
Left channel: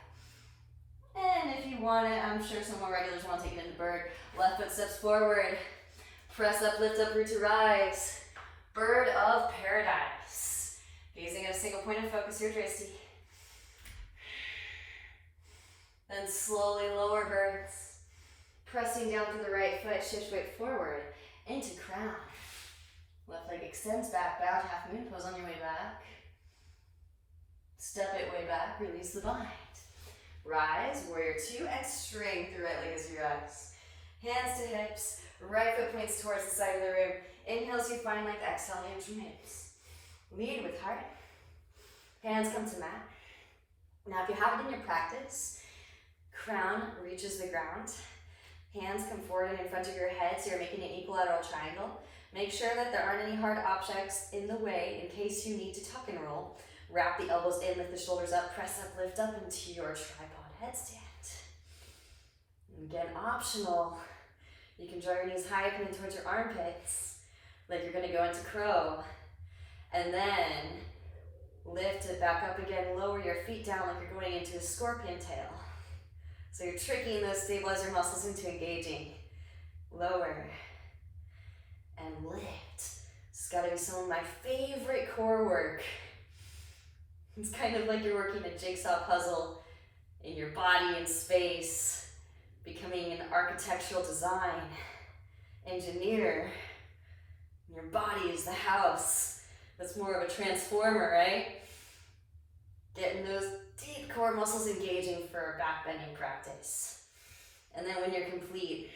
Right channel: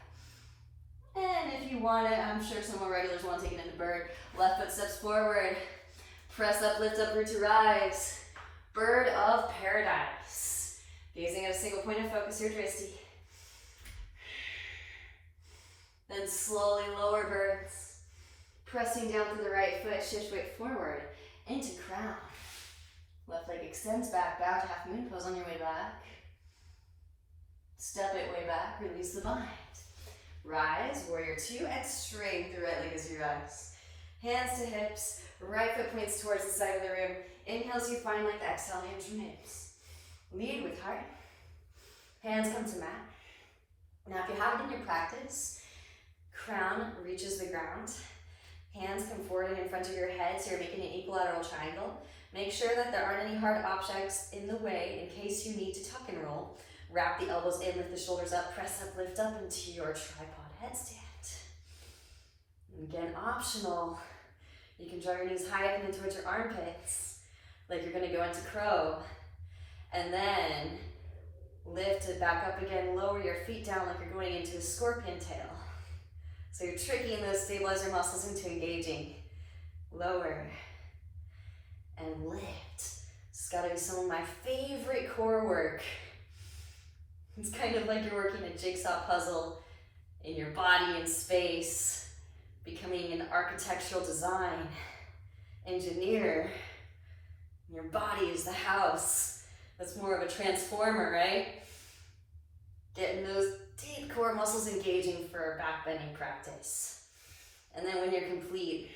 And if you want it, I'm sure some more regulars want to take it into bird. Left foot steps forward. Press up, lift up, root to rise. Bird of paradise. Gazing at a single point of focus here, Dristy. Then slowly lower birds. Pressing down through the right foot, shift weight forward into crown. Left leg extends back, bow to half moon pose on your way back. Step it way back, release the bind. Rise, warrior two, and straighten through right leg as you rise. Hands to hips, right foot points towards the side of the room. Inhale as you find length, exhale, hands from hips. Lead with heart. Hands come to mat. Now if you have it in your practice, crown reaches the ground. Hands come forward and in front of your head, so you're making an equilateral triangle. Make sure that there aren't any hard objects in the way in case you need to tuck and roll. Wrap the elbows in, lift the shoulders up, press up, lift up into your tripod headstand. And again, optional. You can draw your knees high up and in towards your armpits, like you're gonna go into crow. And then lift it back up again, lower your feet down like you're going into a scorpion tail. So you're tricking those stabilizer muscles into engaging. Lower and lift. It's gotta be some of my favorite core work. It's kind of like you're working a jigsaw puzzle in your body and space, becoming an architectural design engineer. Your body is the house. That's more of a transformer, right? Getting those deep core muscles engaging for back bending practice. And then when you're complete,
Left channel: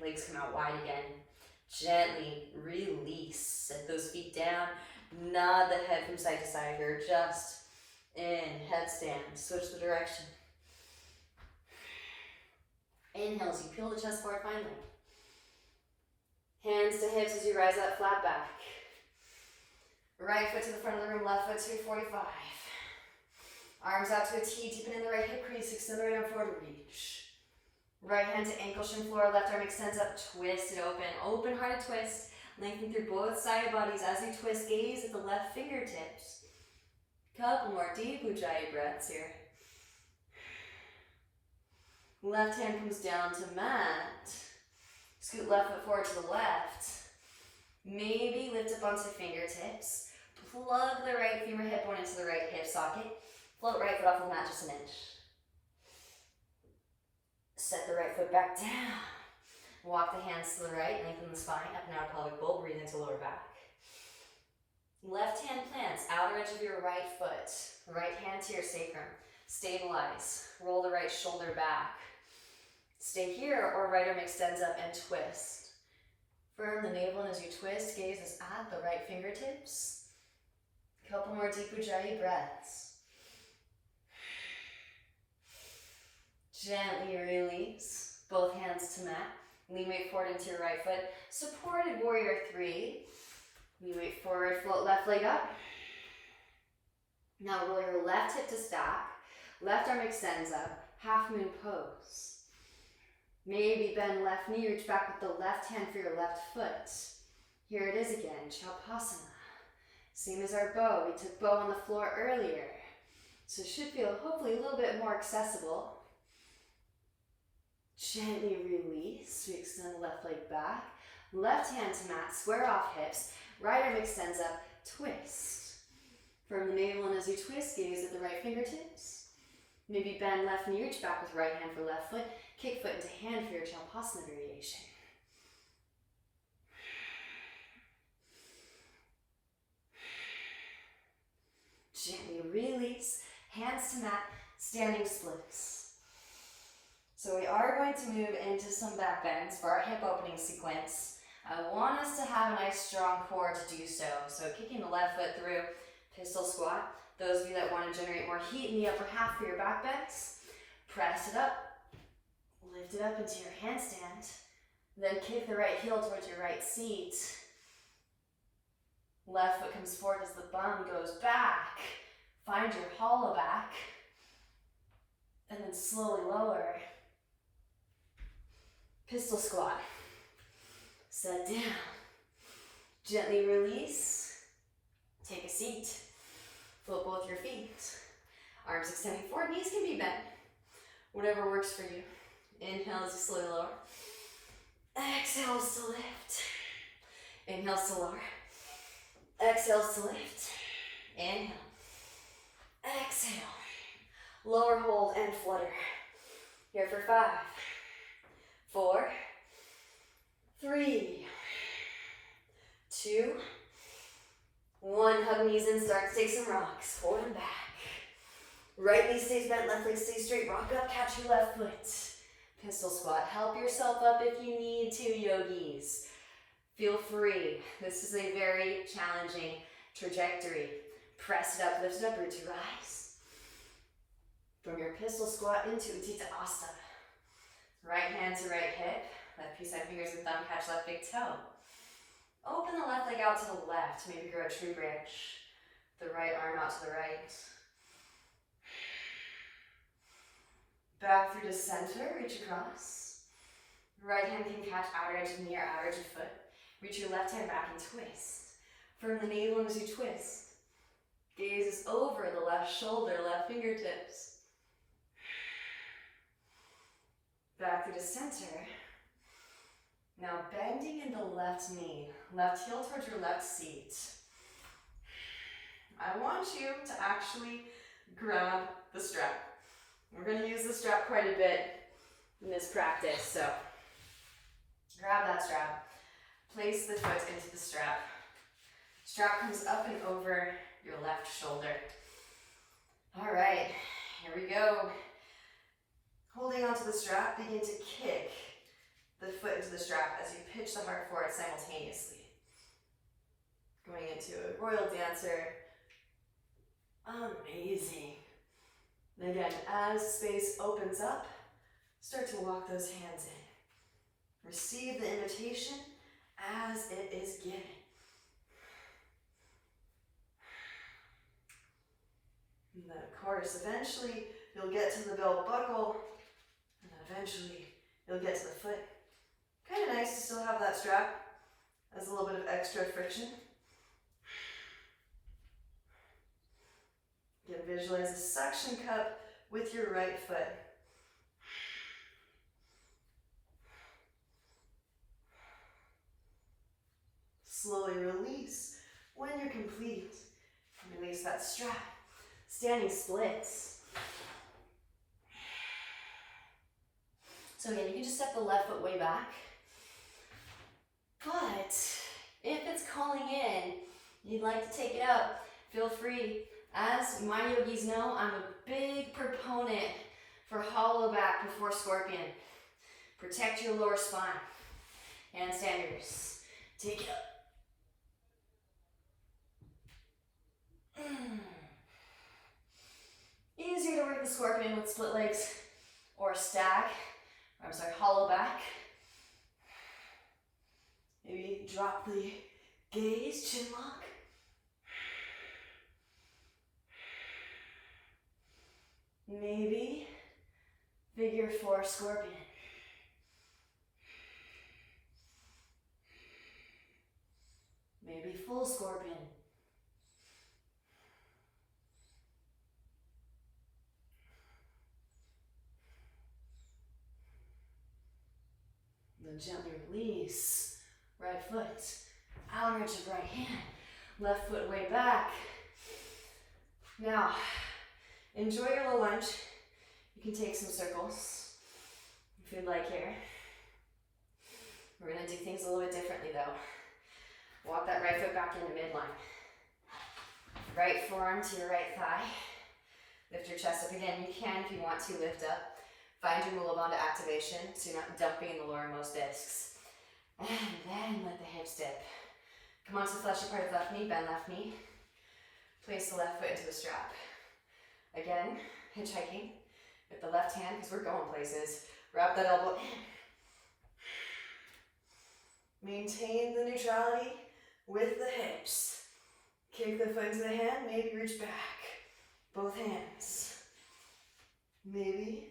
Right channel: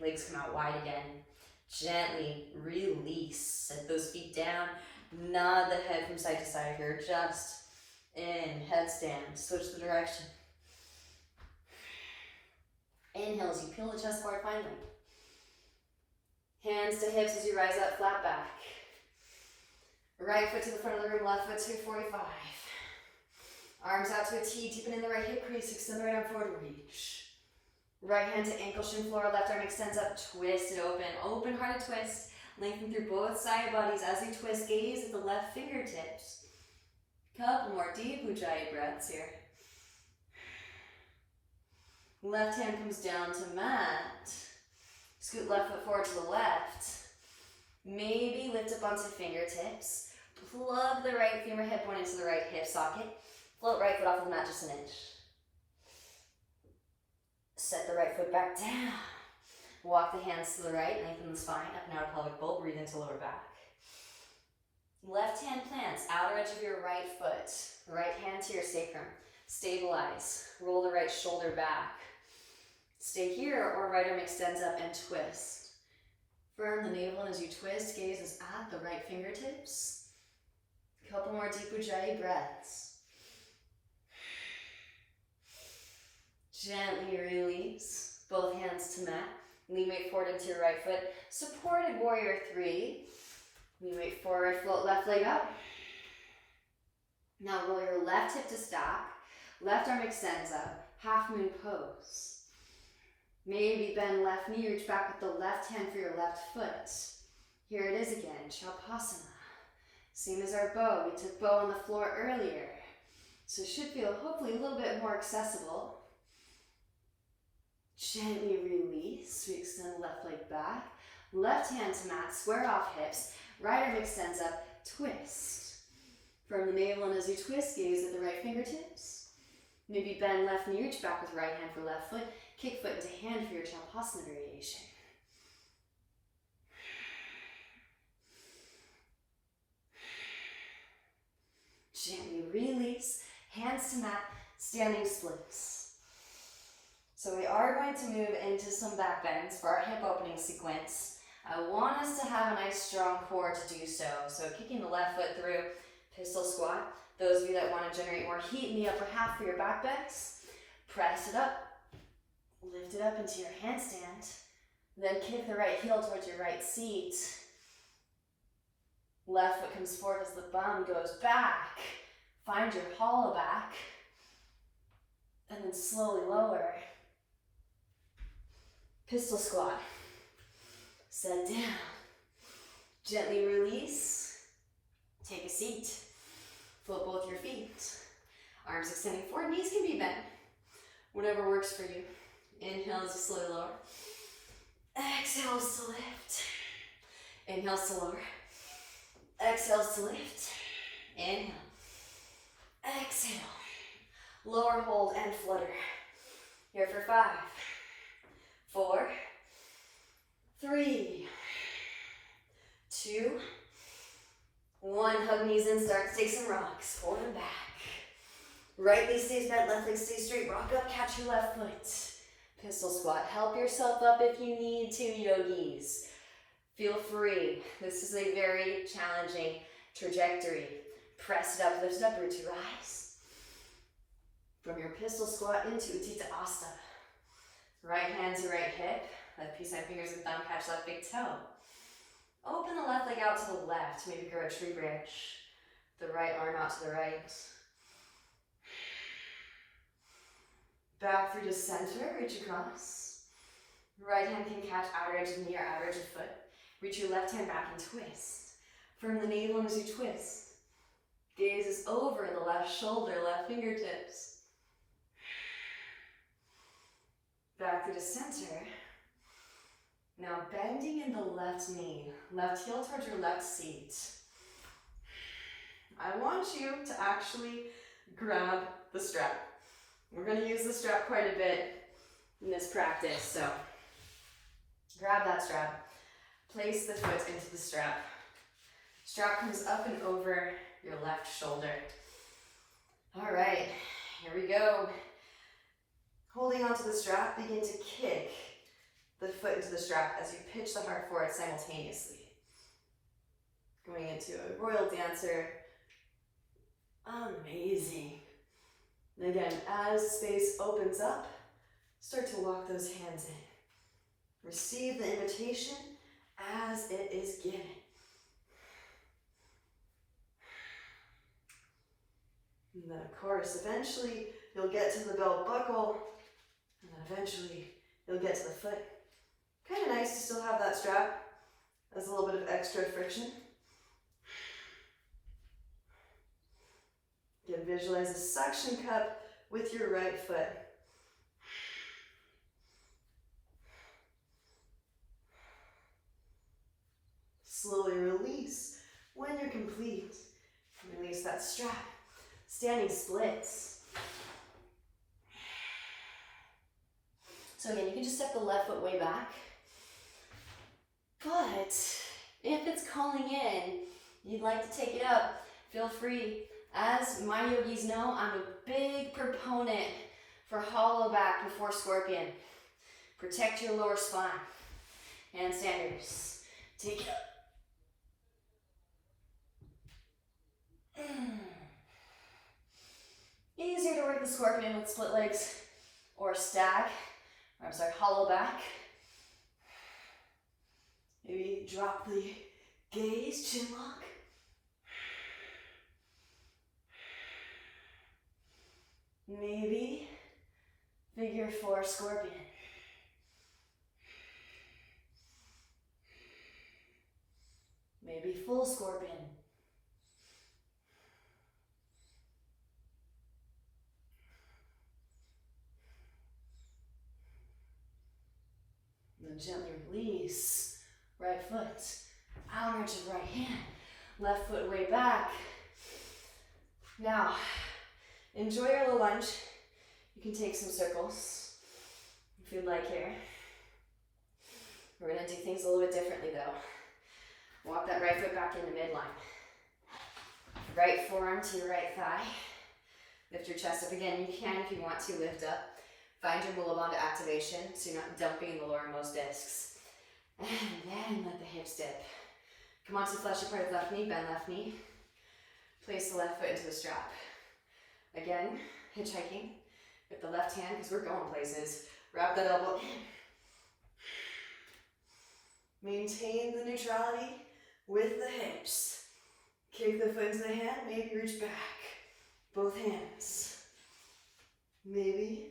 legs come out wide again. Gently release. Set those feet down. Nod the head from side to side here. Just in, headstand. Switch the direction. Inhale as you peel the chest forward, find length. Hands to hips as you rise up, flat back. Right foot to the front of the room, left foot to 45. Arms out to a T, deepen in the right hip crease, extend the right arm forward, reach. Right hand to ankle, shin floor, left arm extends up, twist it open. Open-hearted twist. Lengthen through both side bodies as you twist, gaze at the left fingertips. Couple more deep Ujjayi breaths here. Left hand comes down to mat. Scoot left foot forward to the left. Maybe lift up onto fingertips. Plug the right femur hip bone into the right hip socket. Float right foot off the mat just an inch. Set the right foot back down. Walk the hands to the right, lengthen the spine, up and out pelvic bowl, breathe into lower back. Left hand plants, outer edge of your right foot. Right hand to your sacrum. Stabilize. Roll the right shoulder back. Stay here or right arm extends up and twist. Firm the navel, and as you twist, gaze is at the right fingertips. A couple more deep Ujjayi breaths. Gently release. Both hands to mat. Lean weight forward into your right foot. Supported warrior 3. Lean weight forward, float left leg up. Now roll your left hip to stack. Left arm extends up. Half moon pose. Maybe bend left knee, reach back with the left hand for your left foot. Here it is again, Shavasana. Same as our bow. We took bow on the floor earlier. So it should feel hopefully a little bit more accessible. Gently release. We extend the left leg back. Left hand to mat, square off hips. Right arm extends up, twist. From the navel, and as you twist, gaze at the right fingertips. Maybe bend left knee, reach back with right hand for left foot. Kick foot into hand for your Shavasana variation. Gently release, hands to mat, standing splits. So we are going to move into some back bends for our hip opening sequence. I want us to have a nice strong core to do so. So kicking the left foot through, pistol squat. Those of you that want to generate more heat in the upper half for your back bends, press it up. Lift it up into your handstand. Then kick the right heel towards your right seat. Left foot comes forward as the bum goes back. Find your hollow back. And then slowly lower. Pistol squat. Set down. Gently release. Take a seat. Float both your feet. Arms extending forward, knees can be bent. Whatever works for you. Inhale as you slowly lower. Exhales to lift. Inhales to lower. Exhales to lift. Inhale. Exhale. Lower, hold, and flutter. Here for 5, 4, 3, 2, 1. Hug knees in, start to take some rocks. Pull them back. Right knee stays bent, left leg stays straight. Rock up, catch your left foot. Pistol squat. Help yourself up if you need to, yogis. Feel free. This is a very challenging trajectory. Press it up, lift it up, root to rise. From your pistol squat into Utthita Asta. Right hand to right hip. Left piece, side fingers and thumb, catch left big toe. Open the left leg out to the left. Maybe grow a tree branch. The right arm out to the right. Back through to center, reach across. Right hand can catch outer edge of knee or outer edge of foot. Reach your left hand back and twist. From the navel as you twist. Gaze is over the left shoulder, left fingertips. Back through to center. Now bending in the left knee, left heel towards your left seat. I want you to actually grab the strap. We're going to use the strap quite a bit in this practice, so grab that strap. Place the foot into the strap. Strap comes up and over your left shoulder. All right, here we go. Holding onto the strap, begin to kick the foot into the strap as you pitch the heart forward simultaneously. Going into a royal dancer. Amazing. And again, as space opens up, start to walk those hands in. Receive the invitation as it is given. And then of course, eventually you'll get to the belt buckle, and then eventually you'll get to the foot. Kind of nice to still have that strap as a little bit of extra friction. Again, visualize a suction cup with your right foot. Slowly release. When you're complete, release that strap. Standing splits. So again, you can just step the left foot way back. But if it's calling in, you'd like to take it up, feel free. As my yogis know, I'm a big proponent for hollow back before scorpion. Protect your lower spine. Handstanders. Take it up. Easier to work the scorpion with split legs or stack, or I'm sorry, hollow back. Maybe drop the gaze, chin lock. Maybe figure 4 scorpion. Maybe full scorpion. And then gently release. Right foot, arm reach of right hand. Left foot way back. Now, enjoy your little lunge. You can take some circles if you'd like here. We're gonna do things a little bit differently though. Walk that right foot back into midline. Right forearm to your right thigh. Lift your chest up again. You can, if you want to, lift up. Find your Mula Bandha activation so you're not dumping in the lowermost discs. And then let the hips dip. Come onto the fleshy part of the left knee, bend left knee. Place the left foot into the strap. Again, hitchhiking with the left hand because we're going places. Wrap that elbow in. Maintain the neutrality with the hips. Kick the foot into the hand, maybe reach back. Both hands. Maybe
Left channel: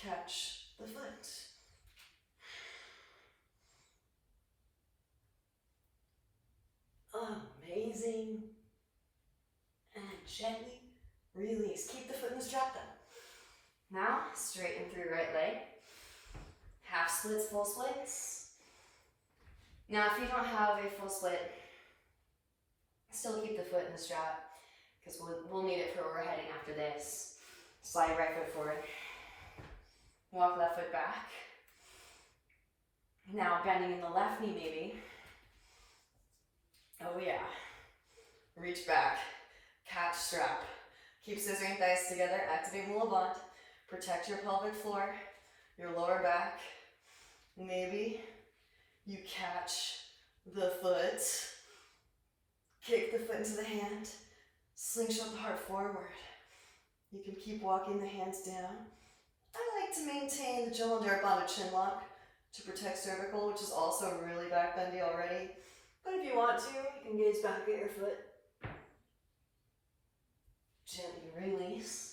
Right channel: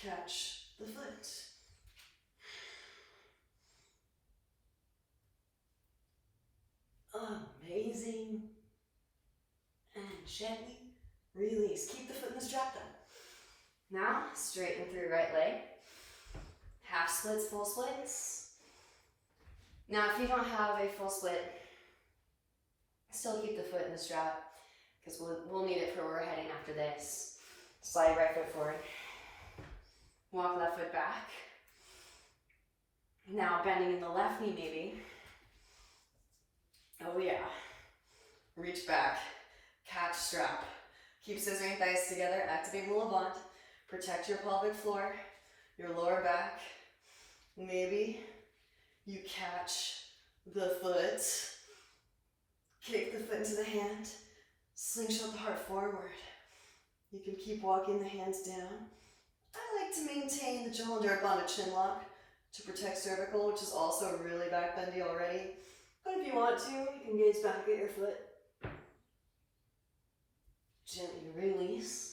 catch the foot. Amazing. And gently release. Keep the foot in the strap though. Now, straighten through right leg. Half splits, full splits. Now, if you don't have a full split, still keep the foot in the strap because we'll need it for where we're heading after this. Slide right foot forward. Walk left foot back. Now, bending in the left knee maybe. Oh yeah. Reach back. Catch strap. Keep scissoring thighs together. Activate Mula Bandha. Protect your pelvic floor, your lower back. Maybe you catch the foot. Kick the foot into the hand. Slingshot the heart forward. You can keep walking the hands down. I like to maintain the Jalandhara Bandha chin lock to protect cervical, which is also really back bendy already. But if you want to, you can gaze back at your foot. Gently release.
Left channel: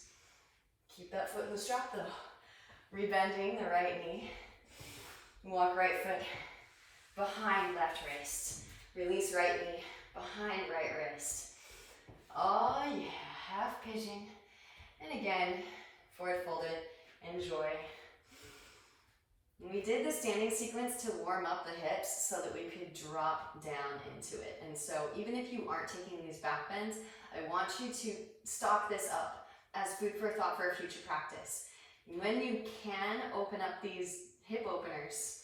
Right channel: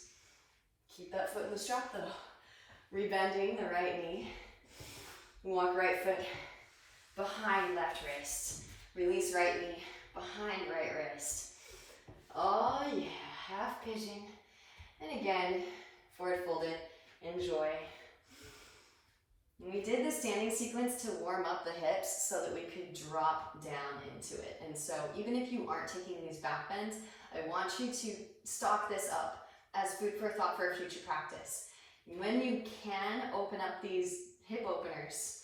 Keep that foot in the strap though. Rebending the right knee. Walk right foot behind left wrist. Release right knee behind right wrist. Oh yeah, half pigeon. And again, forward folded, enjoy. We did the standing sequence to warm up the hips so that we could drop down into it. And so even if you aren't taking these back bends, I want you to stock this up as food for thought for a future practice. When you can open up these hip openers,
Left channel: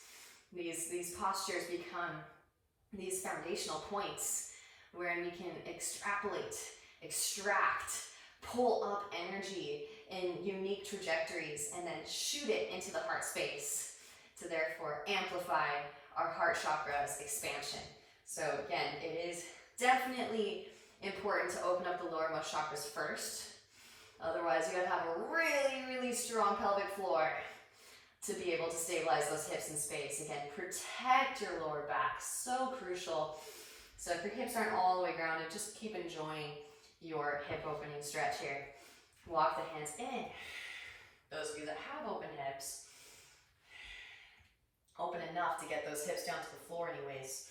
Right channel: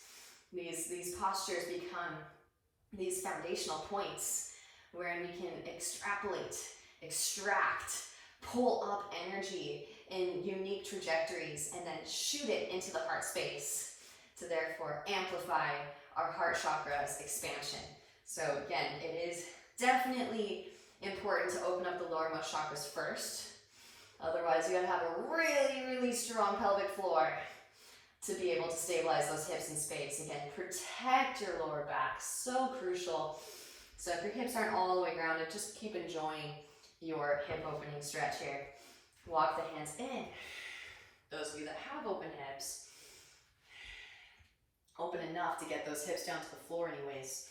these postures become these foundational points where you can extrapolate, extract, pull up energy in unique trajectories and then shoot it into the heart space to therefore amplify our heart chakra's expansion. So again, it is definitely important to open up the lowermost chakras first. Otherwise, you gotta have a really, really strong pelvic floor to be able to stabilize those hips in space. Again, protect your lower back, so crucial. So if your hips aren't all the way grounded, just keep enjoying your hip opening stretch here. Walk the hands in. Those of you that have open hips, open enough to get those hips down to the floor anyways,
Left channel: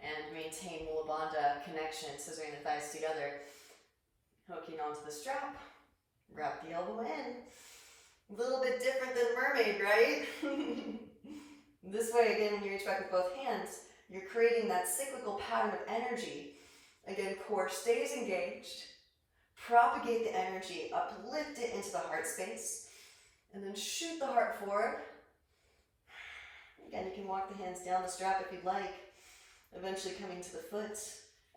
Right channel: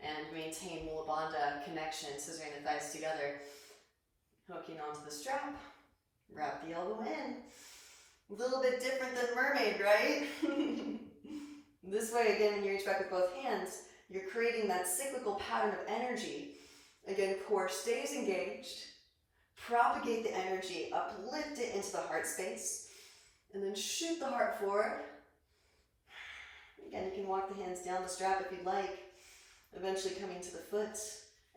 and maintain Mula Bandha connection, scissoring the thighs together, hooking onto the strap, wrap the elbow in. A little bit different than mermaid, right? This way, again, when you reach back with both hands, You're creating that cyclical pattern of energy. Again, core stays engaged. Propagate the energy, uplift it into the heart space, and then shoot the heart forward. Again, you can walk the hands down the strap if you'd like, eventually coming to the foot.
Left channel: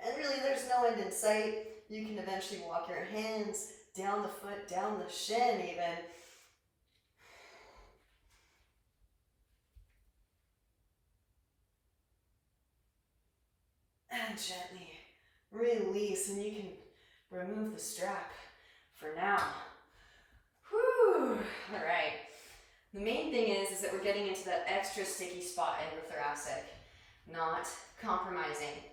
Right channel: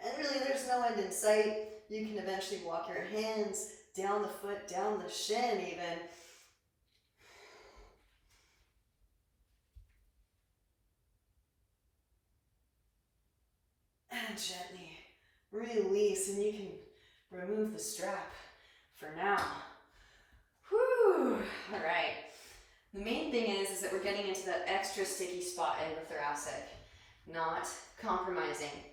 And really, there's no end in sight. You can eventually walk your hands down the foot, down the shin even. And gently release, and you can remove the strap for now. Whew. All right. The main thing is that we're getting into that extra sticky spot in your thoracic, not compromising.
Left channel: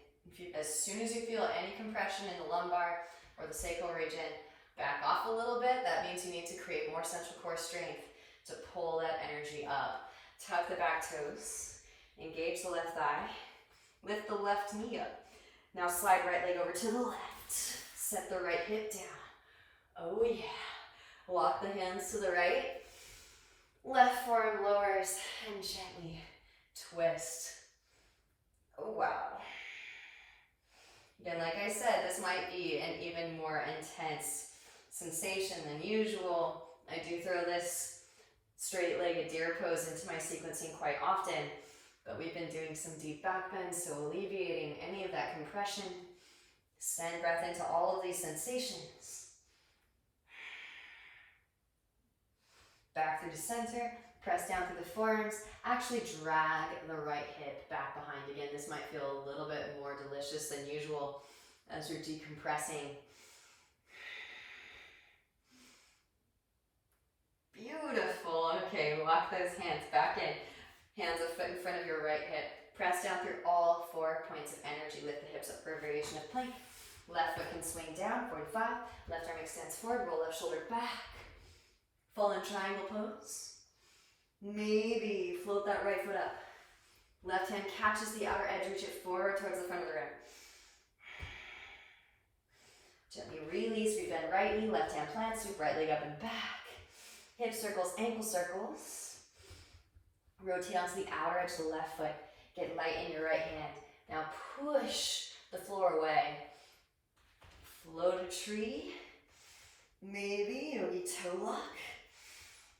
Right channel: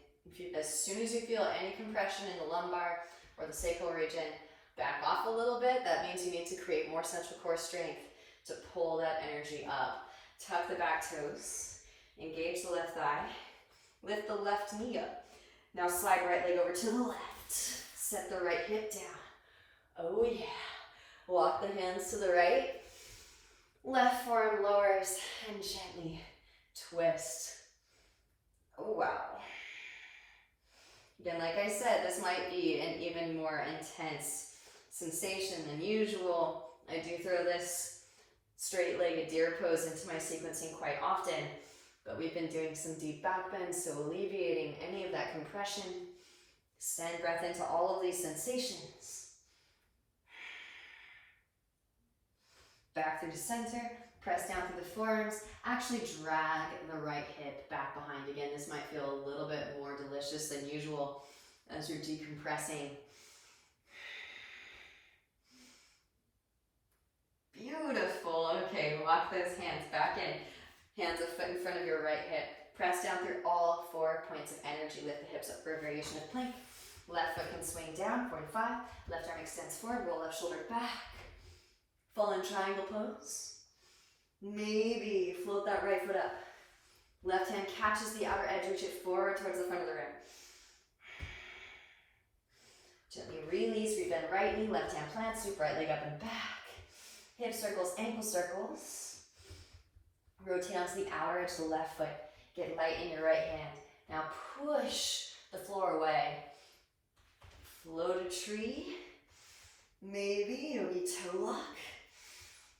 As soon as you feel any compression in the lumbar or the sacral region, back off a little bit. That means you need to create more central core strength to pull that energy up. Tuck the back toes, engage the left thigh, lift the left knee up. Now slide right leg over to the left. Set the right hip down. Oh yeah. Walk the hands to the right. Left forearm lowers and gently twist. Oh wow. Again, like I said, this might be an even more intense sensation than usual. I do throw this straight-legged deer pose into my sequencing quite often, but we've been doing some deep back bends, so alleviating any of that compression. Send breath into all of these sensations. Back through the center, press down through the forearms. Actually drag the right hip back behind. Again, this might feel a little bit more delicious than usual as you're decompressing. Beautiful. Okay, walk those hands back in. Hands a foot in front of your right hip. Press down through all 4 points of energy. Lift the hips up for a variation of plank. Left foot can swing down, 45. Left arm extends forward, roll left shoulder back. Fallen triangle pose. Maybe float that right foot up. Left hand catches the outer edge, reach it forward towards the front of the rim. Gently release, rebend right knee, left hand plant, sweep right leg up and back. Hip circles, ankle circles. Rotate onto the outer edge of the left foot. Get light in your right hand. Now push the floor away. Float a tree. Maybe yogi toe lock.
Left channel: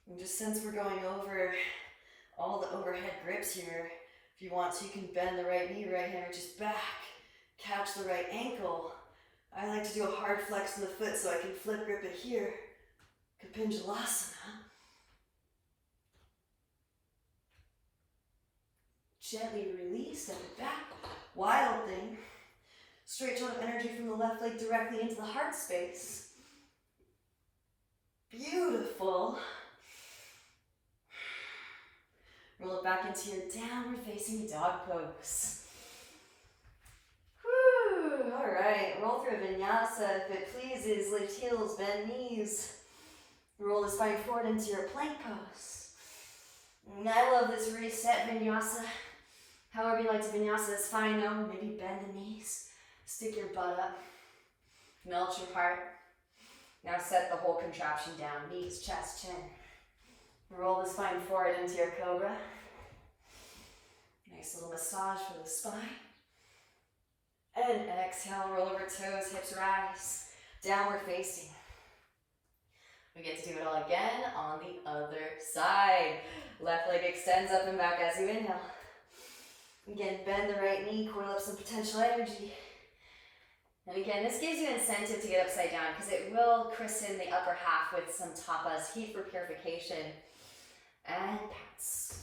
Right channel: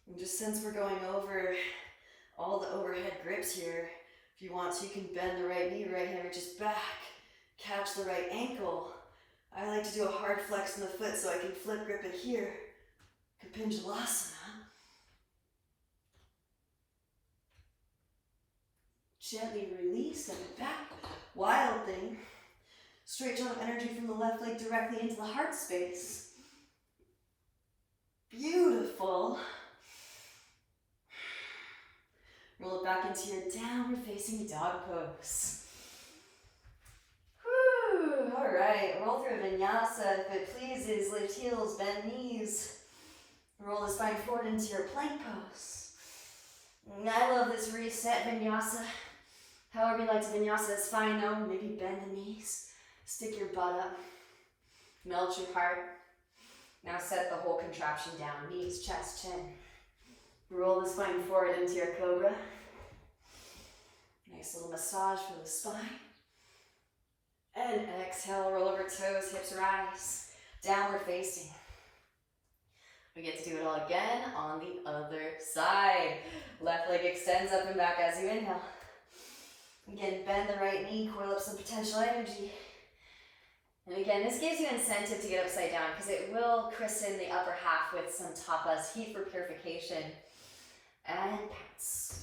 And just since we're going over all the overhead grips here, if you want to, you can bend the right knee, right hand reaches back. Catch the right ankle. I like to do a hard flex in the foot so I can flip grip it here. Kapinjalasana. Gently release, step it back. Wild thing. Straight shot of energy from the left leg directly into the heart space. Beautiful. Roll it back into your downward facing dog pose. Whew. All right, roll through vinyasa if it pleases. Lift heels, bend knees. Roll the spine forward into your plank pose. And I love this reset vinyasa. However you like to vinyasa is fine though. Maybe bend the knees. Stick your butt up. Melt your heart. Now set the whole contraption down. Knees, chest, chin. Roll the spine forward into your cobra. Nice little massage for the spine. And exhale, roll over toes, hips rise. Downward facing. We get to do it all again on the other side. Left leg extends up and back as you inhale. Again, bend the right knee, coil up some potential energy. And again, this gives you incentive to get upside down because it will christen the upper half with some tapas, heat for purification, and pounce.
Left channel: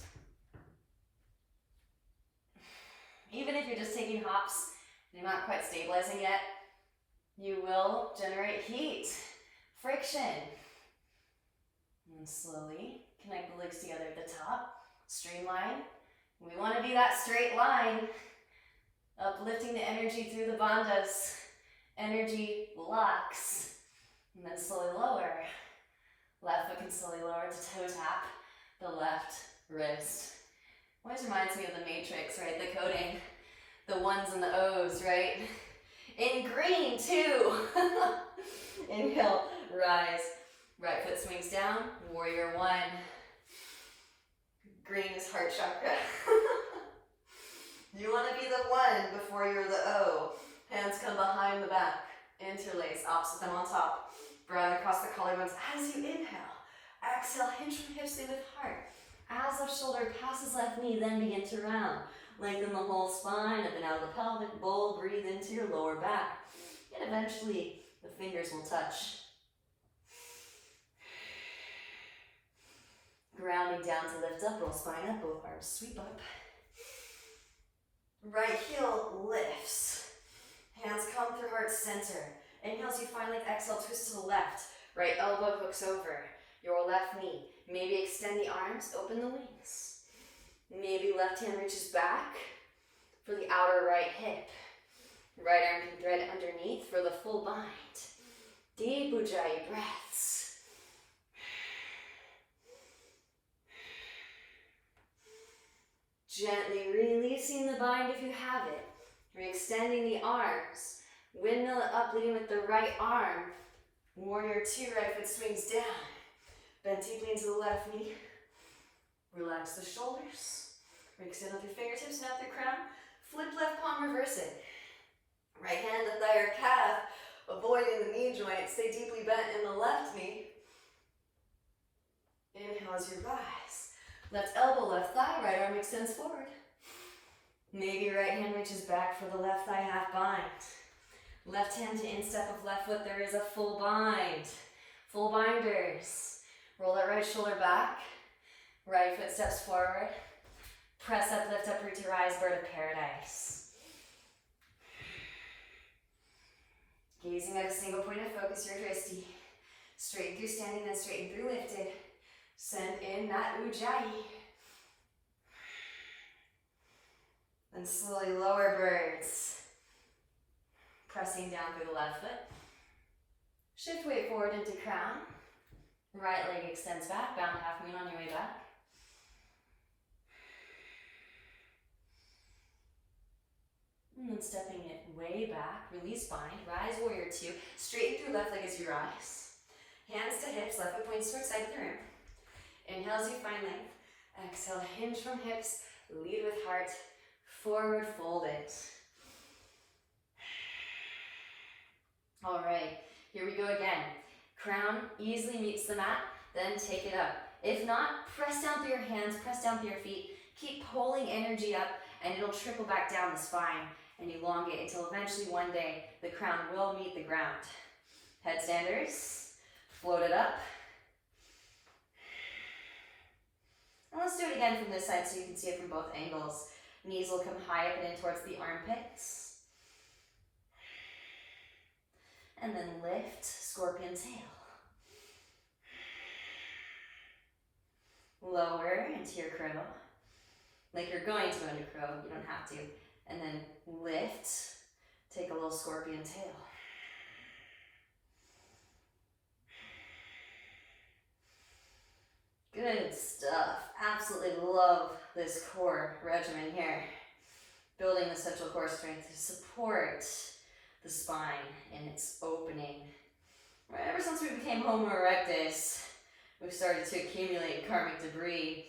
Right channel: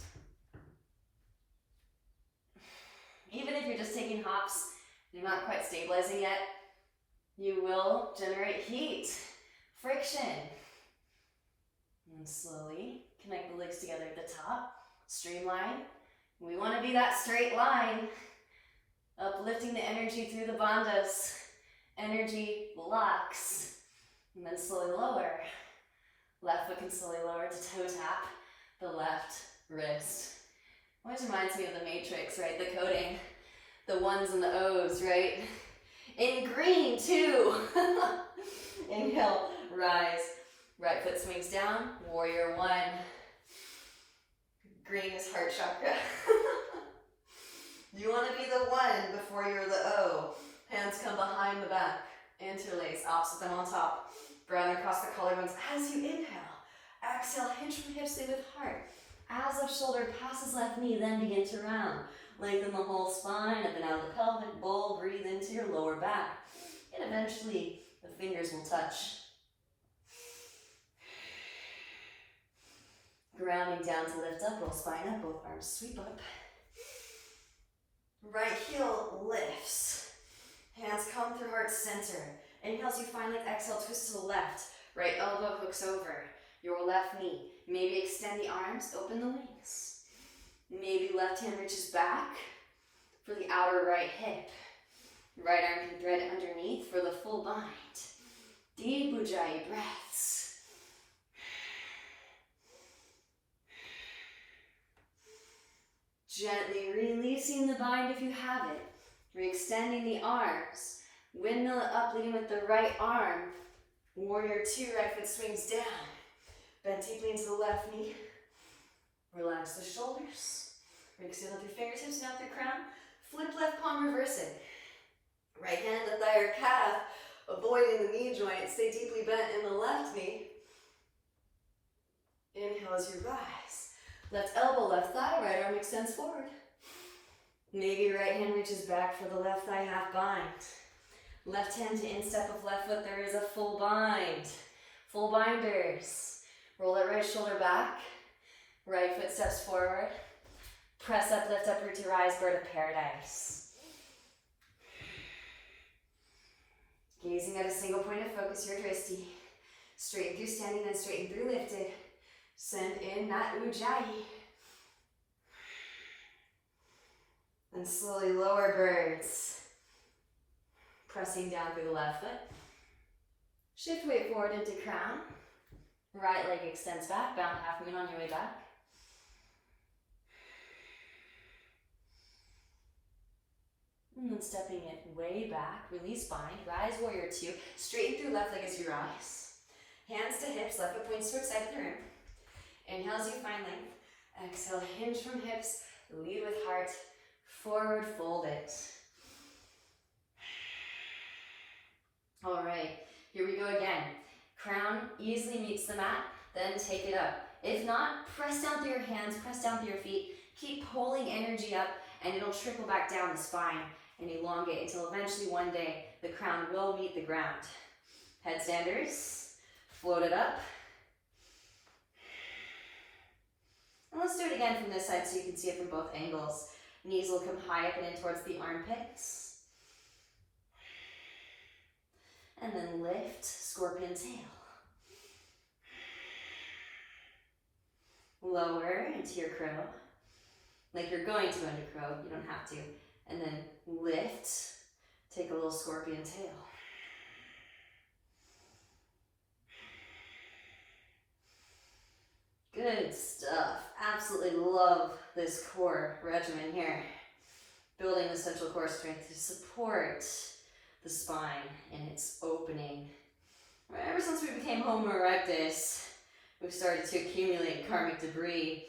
Even if you're just taking hops, you're not quite stabilizing yet, you will generate heat, friction. And slowly connect the legs together at the top, streamline. We want to be that straight line, uplifting the energy through the bandhas. Energy locks, and then slowly lower. Left foot can slowly lower to toe tap the left wrist. Which reminds me of the Matrix, right? The coding, the ones and the O's, right? In green too. Inhale, rise. Right foot swings down, warrior one. Green is heart chakra. You want to be the one before you're the O. Hands come behind the back. Interlace, opposite them on top. Brown across the collarbones as you inhale. Exhale, hinge from hips, in with heart. As left shoulder passes left knee, then begin to round. Lengthen the whole spine, up and out of the pelvic bowl. Breathe into your lower back. And eventually, the fingers will touch. Grounding down to lift up, roll spine up, both arms sweep up. Right heel lifts. Hands come through heart center. Inhale as you find length, exhale, twist to the left. Right elbow hooks over your left knee. Maybe extend the arms, open the wings. Maybe left hand reaches back for the outer right hip. Right arm can thread underneath for the full bind. Deep Ujjayi breaths. Gently releasing the bind if you have it. Re-extending the arms. Windmill it up, leading with the right arm. Warrior 2, right foot swings down. Bend deeply into the left knee. Relax the shoulders. Re-extend up your fingertips, not the crown. Flip left palm, reverse it. Right hand, the thigh or calf. Avoiding the knee joint. Stay deeply bent in the left knee. Inhale as you rise. Left elbow, left thigh, right arm extends forward. Maybe right hand reaches back for the left thigh half bind. Left hand to instep of left foot, there is a full bind. Full binders. Roll that right shoulder back. Right foot steps forward. Press up, lift up, root to rise, bird of paradise. Gazing at a single point of focus, your drishti. Straighten through standing, then straighten through lifted. Send in that Ujjayi. Then slowly lower birds. Pressing down through the left foot. Shift weight forward into crown. Right leg extends back, bound half moon on your way back. And then stepping it way back, release bind, rise warrior 2. Straighten through left leg as you rise. Hands to hips, left foot points towards side of the room. Inhale as you find length. Exhale, hinge from hips, lead with heart. Forward fold it. All right, here we go again. Crown easily meets the mat, then take it up. If not, press down through your hands, press down through your feet. Keep pulling energy up and it'll trickle back down the spine and elongate until eventually one day the crown will meet the ground. Headstanders, float it up. And let's do it again from this side so you can see it from both angles. Knees will come high up and in towards the armpits. And then lift, scorpion tail. Lower into your crow. Like you're going to under crow, you don't have to. And then lift, take a little scorpion tail. Good stuff. Absolutely love this core regimen here. Building the central core strength to support the spine in its opening. Ever since we became Homo erectus, we've started to accumulate karmic debris,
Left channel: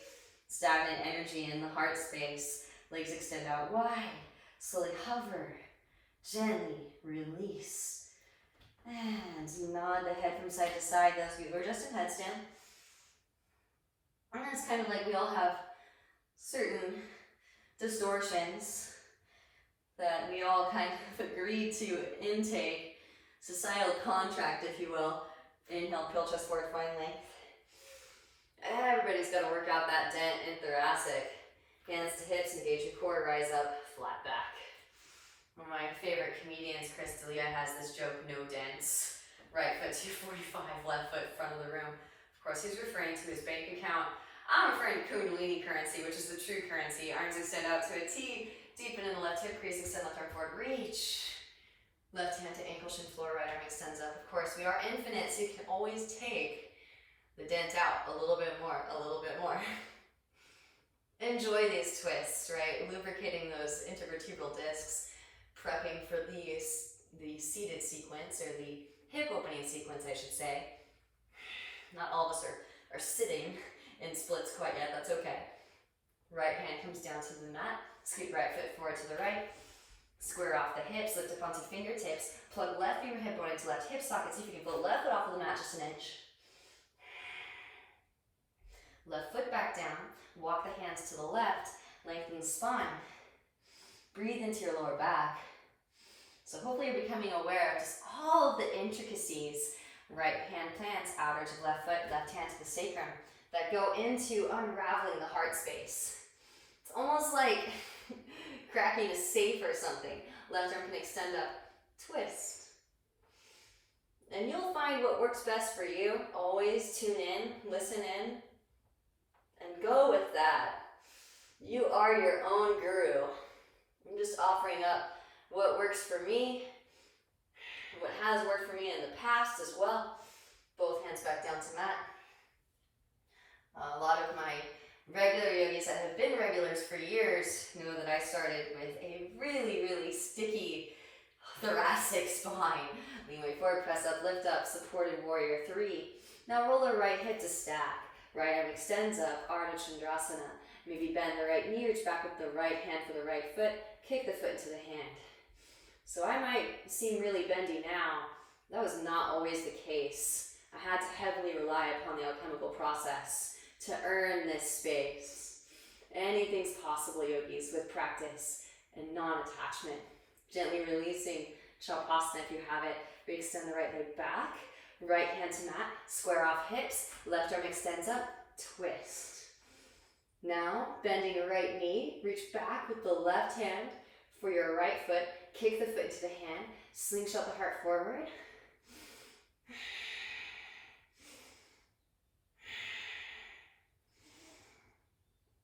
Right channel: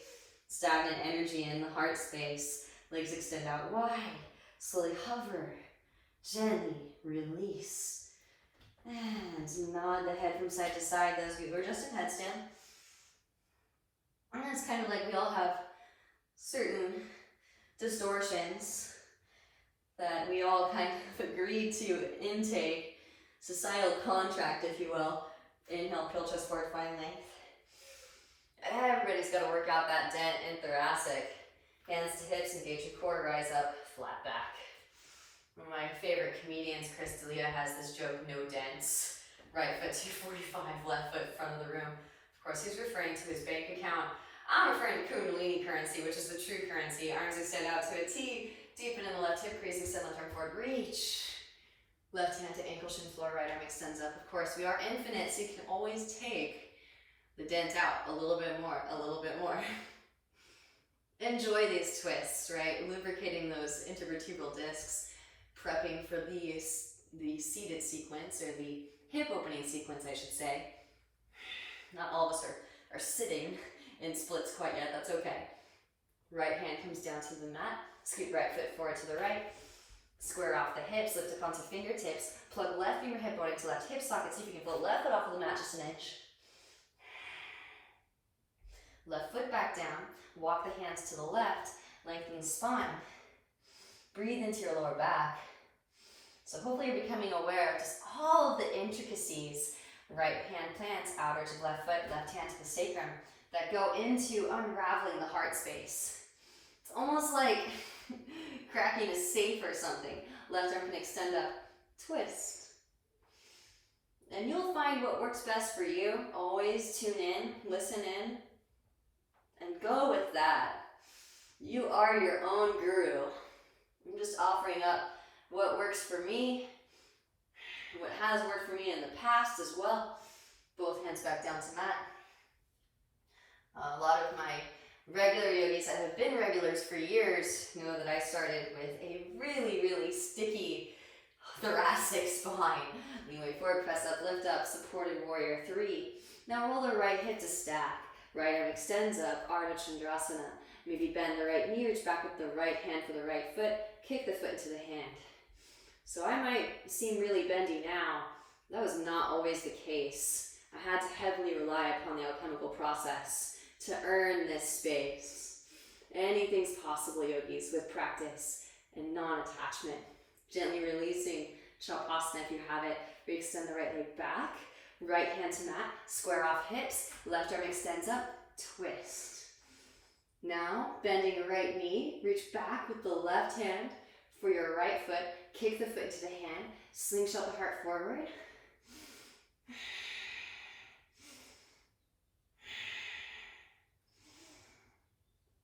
stagnant energy in the heart space. Legs extend out wide. Slowly hover. Gently release. And nod the head from side to side. Those of you who are just in headstand. And it's kind of like we all have certain distortions that we all kind of agree to intake, societal contract, if you will. Inhale, pill chest forward, find length. Everybody's got to work out that dent in thoracic. Hands to hips, engage your core, rise up, flat back. One of my favorite comedians, Chris D'Elia, has this joke, no dents. Right foot 245, left foot front of the room. Of course, he's referring to his bank account. I'm referring to Kundalini currency, which is the true currency. Arms extend out to a T. Deepen in the left hip crease, extend left arm forward, reach. Left hand to ankle, shin, floor, right arm extends up. Of course, we are infinite, so you can always take the dent out a little bit more, a little bit more. Enjoy these twists, right? Lubricating those intervertebral discs, prepping for the seated sequence, or the hip opening sequence, I should say. Not all of us are sitting in splits quite yet, that's okay. Right hand comes down to the mat. Scoot right foot forward to the right. Square off the hips, lift up onto fingertips. Plug left finger hip bone into left hip socket. See if you can float left foot off of the mat just an inch. Left foot back down. Walk the hands to the left. Lengthen the spine. Breathe into your lower back. So hopefully you're becoming aware of just all of the intricacies. Right hand plants, outer edge of left foot, left hand to the sacrum, that go into unraveling the heart space. It's almost like cracking a safe or something. Left arm can extend up, twist. And you'll find what works best for you. Always tune in, listen in, and go with that. You are your own guru. I'm just offering up what works for me, what has worked for me in the past as well. Both hands back down to mat. A lot of my regular yogis that have been regulars for years know that I started with a really, really sticky thoracic spine. Lean way forward, press up, lift up, supported warrior 3. Now roll the right hip to stack. Right arm extends up, Ardha Chandrasana. Maybe bend the right knee, reach back with the right hand for the right foot, kick the foot into the hand. So I might seem really bendy now. That was not always the case. I had to heavily rely upon the alchemical process to earn this space. Anything's possible, yogis, with practice and non-attachment. Gently releasing Shavasana if you have it. Re-extend the right leg back. Right hand to mat. Square off hips. Left arm extends up. Twist. Now, bending the right knee. Reach back with the left hand for your right foot. Kick the foot into the hand. Slingshot the heart forward.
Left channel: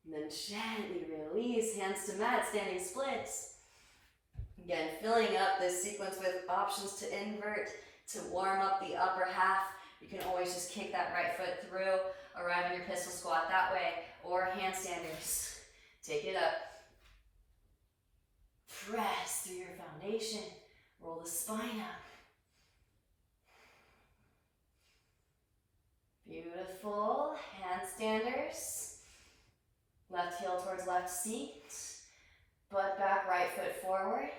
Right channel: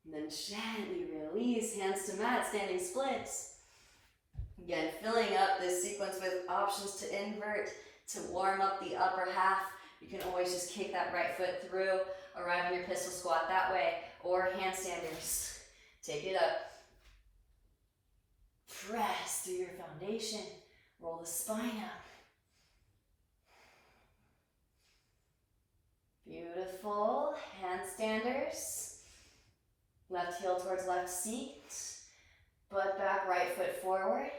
And then gently release, hands to mat, standing splits. Again, filling up this sequence with options to invert, to warm up the upper half. You can always just kick that right foot through, arrive in your pistol squat that way, or handstanders. Take it up. Press through your foundation. Roll the spine up. Beautiful. Handstanders. Left heel towards left seat. Butt back, right foot forward.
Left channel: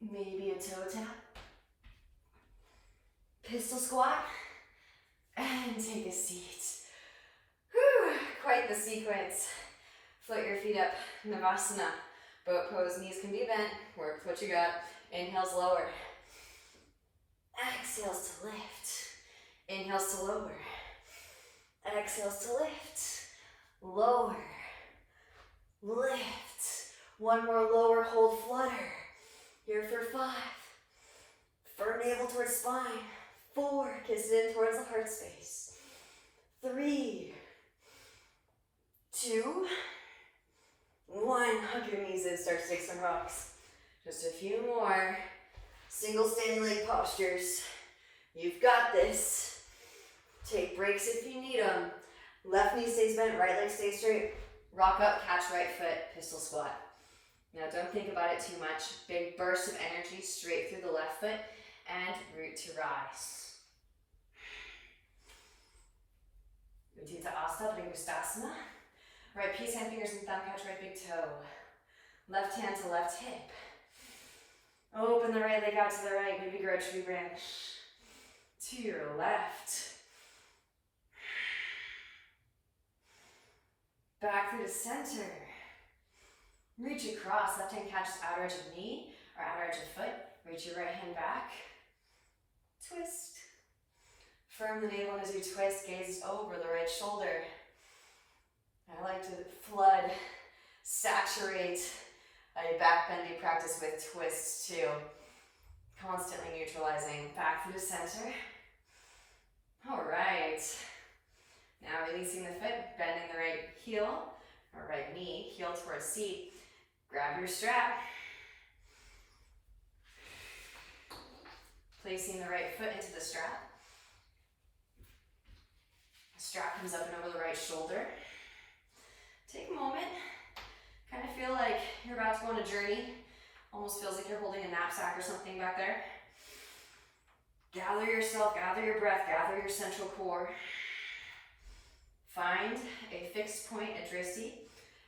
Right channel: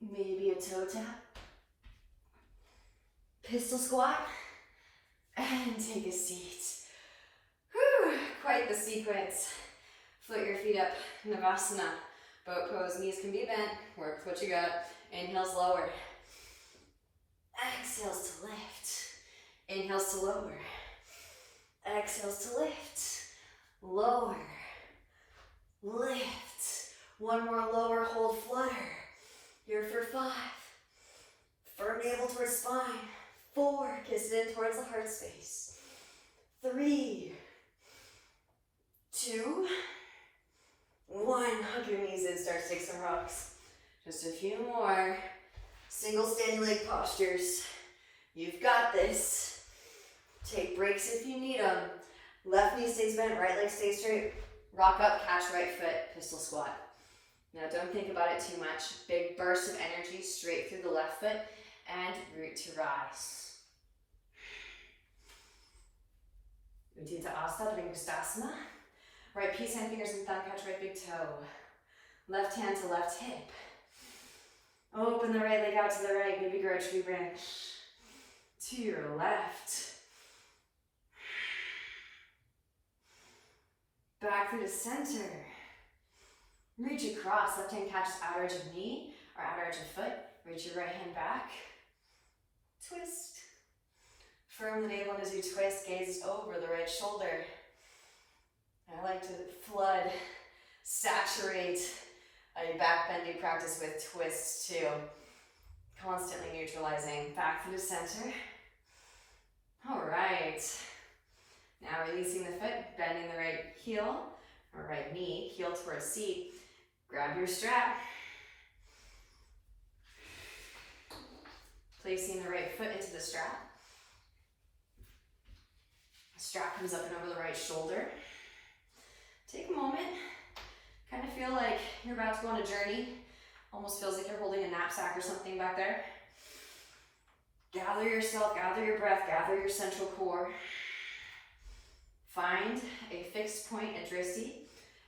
Maybe a toe tap. Pistol squat. And take a seat. Whew, quite the sequence. Float your feet up, Navasana. Boat pose, knees can be bent. Work what you got. Inhales lower. Exhales to lift. Inhales to lower. Exhales to lift. Lower. Lift. One more lower, hold, flutter. Here for 5. Firm navel towards spine. 4, kiss it in towards the heart space. 3, 2, 1. Hug your knees in, start to take some rocks. Just a few more. Single standing leg postures. You've got this. Take breaks if you need them. Left knee stays bent, right leg stays straight. Rock up, catch right foot, pistol squat. Now don't think about it too much. Big burst of energy straight through the left foot and root to rise. Utthita Asta, Bringastasana. Right peace hand fingers and thumb catch right big toe. Left hand to left hip. Open the right leg out to the right, maybe grow tree branch. To your left. Back through the center. Reach across, left hand catches outer edge of knee or outer edge of foot. Reach your right hand back. Twist. Firm the navel as you twist, gaze over the right shoulder. I like to flood, saturate a back bending practice with twists too. Constantly neutralizing. Back through the center. All right. Now releasing the foot, bending the right heel or right knee, heel towards seat. Grab your strap. Placing the right foot into the strap. Strap comes up and over the right shoulder. Take a moment. Kind of feel like you're about to go on a journey. Almost feels like you're holding a knapsack or something back there. Gather yourself, gather your breath, gather your central core. Find a fixed point at drishti.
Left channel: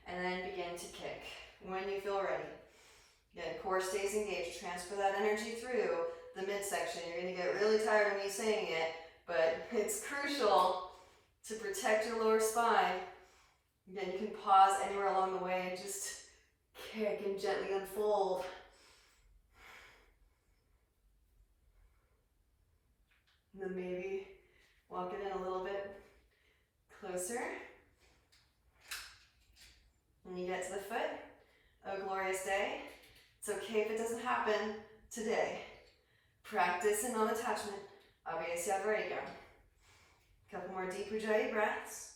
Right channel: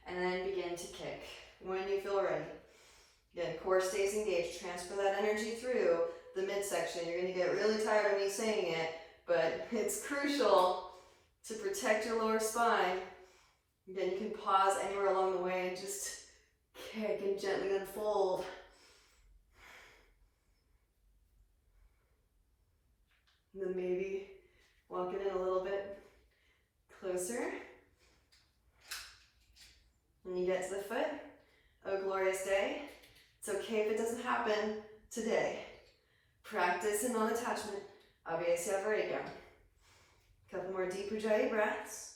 and then begin to kick when you feel ready. Again, core stays engaged. Transfer that energy through the midsection. You're going to get really tired of me saying it, but it's crucial to protect your lower spine. Again, you can pause anywhere along the way and just kick and gently unfold. And then maybe walk it in a little bit closer. When you get to the foot, oh glorious day. It's okay if it doesn't happen today. Practice in non-attachment. Abhyasya Varigam. Couple more deep Ujjayi breaths.